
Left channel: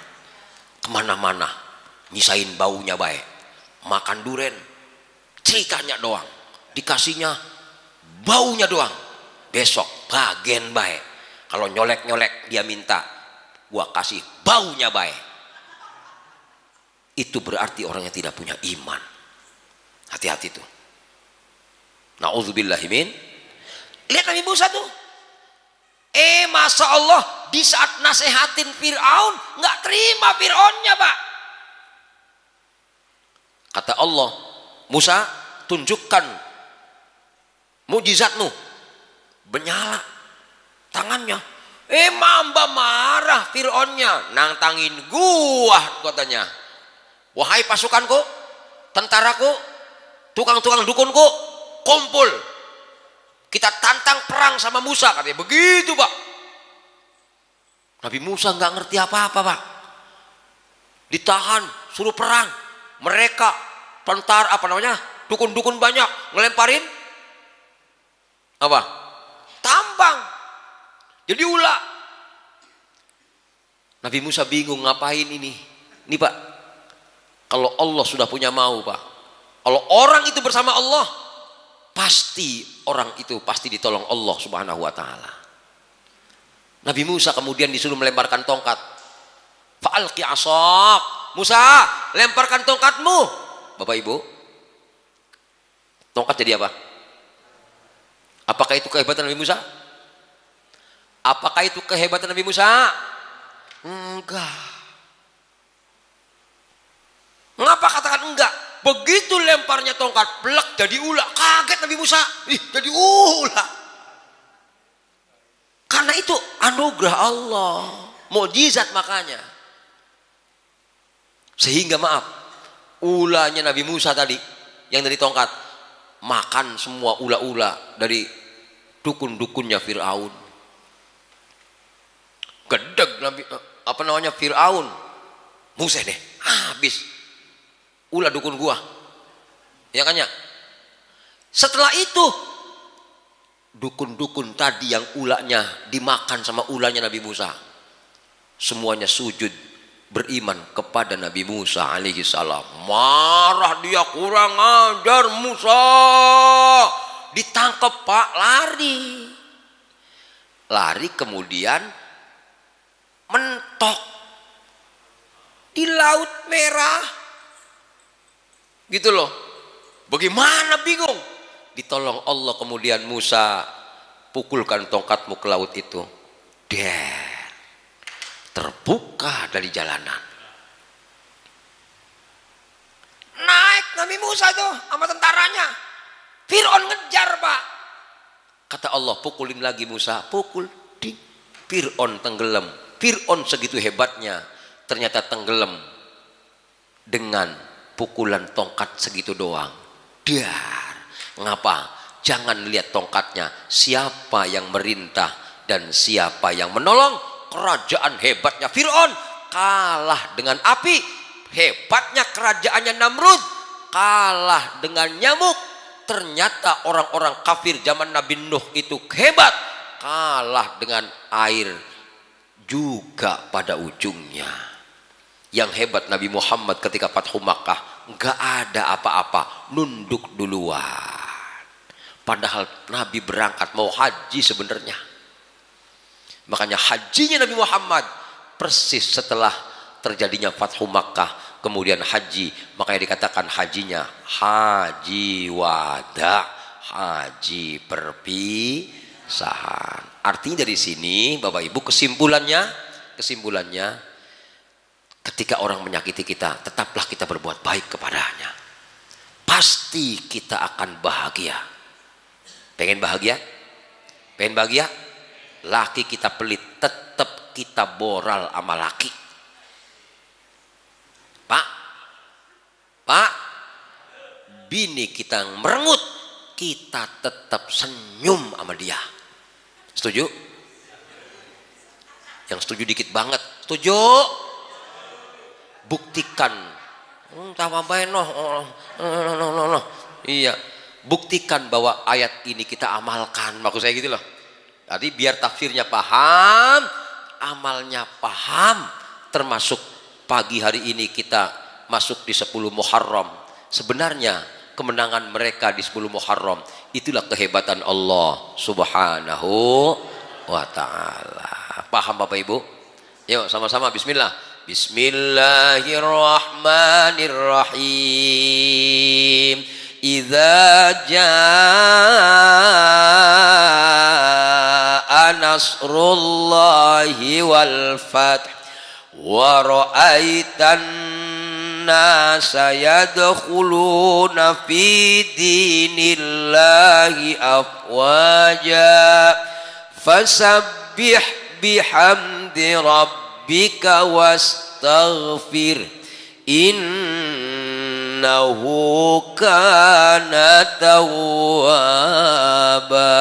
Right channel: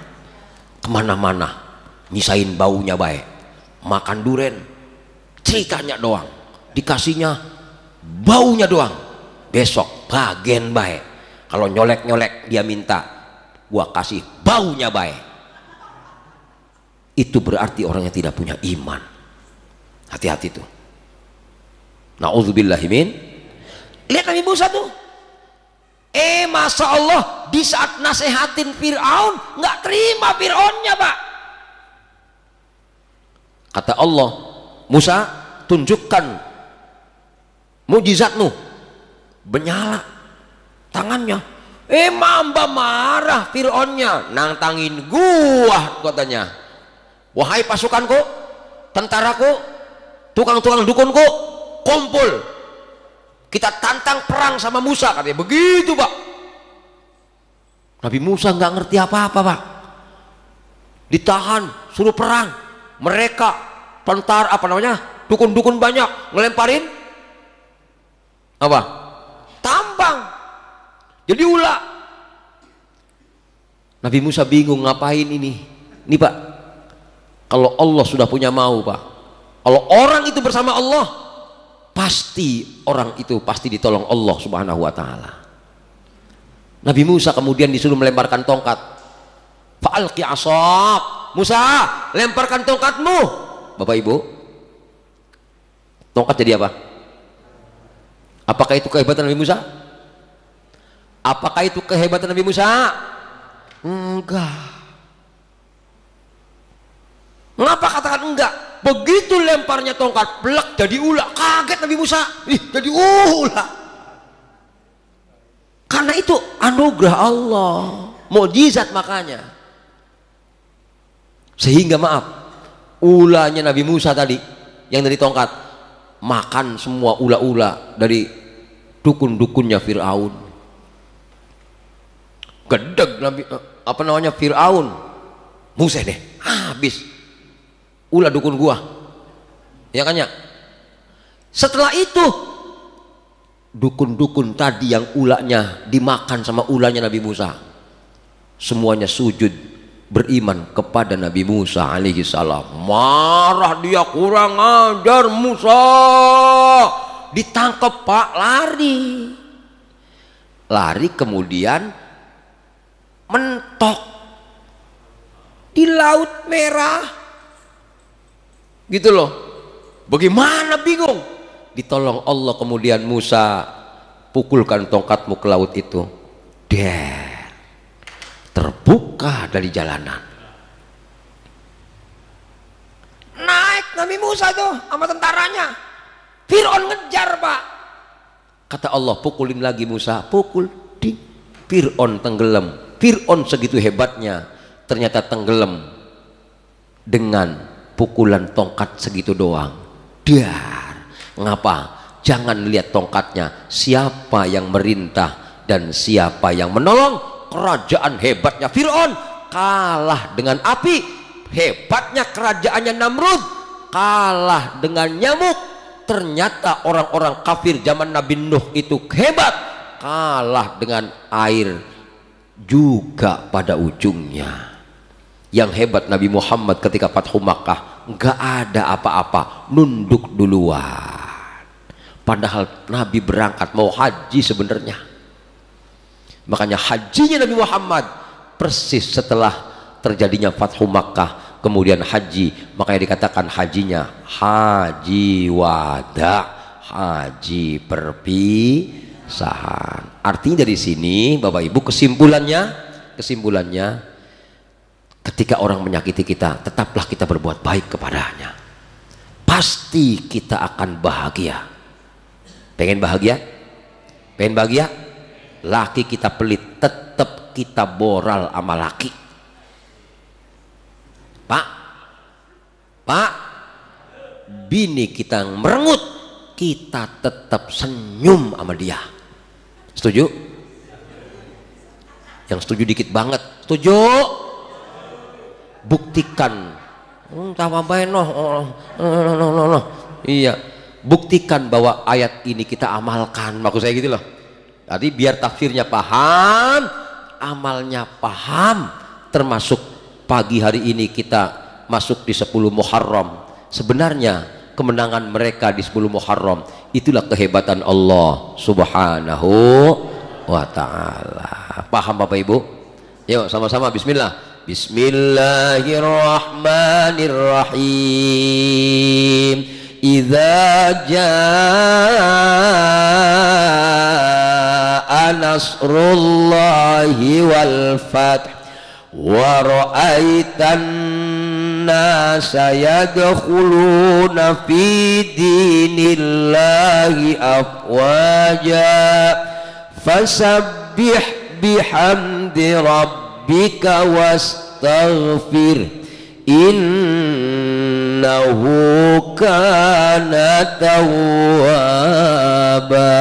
kemana-mana nyisain baunya baik, makan duren ceritanya doang, dikasihnya baunya doang, besok bagian baik. Kalau nyolek-nyolek dia minta gua kasih baunya baik, itu berarti orang yang tidak punya iman. Hati-hati tuh. Na'udzubillahimin. Lihat Nabi Musa tuh, Masya Allah, di saat nasehatin Fir'aun nggak terima Fir'aunnya Pak. Kata Allah, Musa, tunjukkan mujizatmu. Menyala tangannya. Mamba marah Fir'aunnya. Nang tangin gua, katanya. Wahai pasukanku, tentaraku, tukang-tukang dukunku, kumpul. Kita tantang perang sama Musa, katanya. Begitu, Pak. Nabi Musa nggak ngerti apa-apa, Pak. Ditahan, suruh perang. Mereka tentara dukun-dukun banyak ngelemparin apa? Tambang. Jadi ular. Nabi Musa bingung ngapain ini. Ini, Pak, kalau Allah sudah punya mau, Pak, kalau orang itu bersama Allah, pasti orang itu pasti ditolong Allah Subhanahu wa taala. Nabi Musa kemudian disuruh melemparkan tongkat. Fa'alqi 'asak. Musa, lemparkan tongkatmu. Bapak Ibu, tongkat jadi apa? Apakah itu kehebatan Nabi Musa? Apakah itu kehebatan Nabi Musa? Enggak. Mengapa katakan enggak? Begitu lemparnya tongkat, plek jadi ular. Kaget Nabi Musa. Jadi ular. Karena itu anugerah Allah, mukjizat makanya. Sehingga maaf, ulahnya Nabi Musa tadi yang dari tongkat makan semua ula-ula dari dukun-dukunnya Fir'aun. Gedeg Nabi Fir'aun. Musa deh, habis ulah dukun gua. Ya kan ya? Setelah itu dukun-dukun tadi yang ulahnya dimakan sama ulahnya Nabi Musa, semuanya sujud beriman kepada Nabi Musa alaihi salam. Marah dia, kurang ajar Musa. Ditangkap, Pak, lari kemudian mentok di Laut Merah gitu loh. Bagaimana, bingung. Ditolong Allah kemudian, Musa, pukulkan tongkatmu ke laut itu. Terbuka dari jalanan. Naik Nabi Musa tuh sama tentaranya. Fir'aun ngejar, Pak. Kata Allah, pukulin lagi Musa. Pukul, ding. Fir'aun tenggelam. Fir'aun segitu hebatnya ternyata tenggelam dengan pukulan tongkat segitu doang. Dar. Ngapa? Jangan lihat tongkatnya, siapa yang merintah dan siapa yang menolong. Kerajaan hebatnya Fir'aun kalah dengan api, hebatnya kerajaannya Namrud kalah dengan nyamuk. Ternyata orang-orang kafir zaman Nabi Nuh itu hebat, kalah dengan air juga pada ujungnya. Yang hebat Nabi Muhammad ketika Fathu Makkah nggak ada apa-apa, nunduk duluan. Padahal Nabi berangkat mau haji sebenarnya. Makanya hajinya Nabi Muhammad persis setelah terjadinya Fathu Makkah, kemudian haji. Makanya dikatakan hajinya haji wada, haji perpisahan. Artinya dari sini Bapak Ibu kesimpulannya ketika orang menyakiti kita, tetaplah kita berbuat baik kepadanya. Pasti kita akan bahagia. Pengen bahagia? Pengen bahagia? Laki kita pelit, tetap kita moral sama laki. Pak, bini kita merengut, kita tetap senyum sama dia. Setuju? Yang setuju dikit banget. Setuju? Buktikan. Iya, buktikan bahwa ayat ini kita amalkan. Maksud saya gitu loh. Tadi biar tafsirnya paham, amalnya paham. Termasuk pagi hari ini kita masuk di 10 Muharram. Sebenarnya kemenangan mereka di 10 Muharram itulah kehebatan Allah Subhanahu wa ta'ala. Paham Bapak Ibu? Yuk sama-sama bismillah. Bismillahirrahmanirrahim. Idza jaa nasrullahi wal fath wa ra'aitan nasa yadkhuluna fi dinillahi afwaja fasabbih bihamdi rabbika wastaghfir innahu kana tawwaba.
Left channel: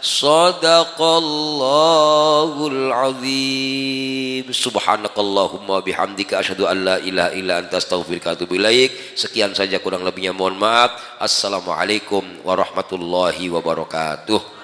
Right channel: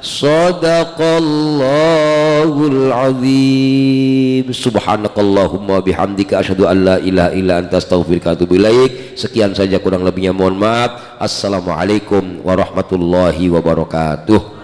Shadaqallahul azim. Subhanakallahumma bihamdika asyhadu an la ilaha illa anta astaghfiruka wa atubu ilaik. Sekian saja, kurang lebihnya mohon maaf. Assalamualaikum warahmatullahi wabarakatuh.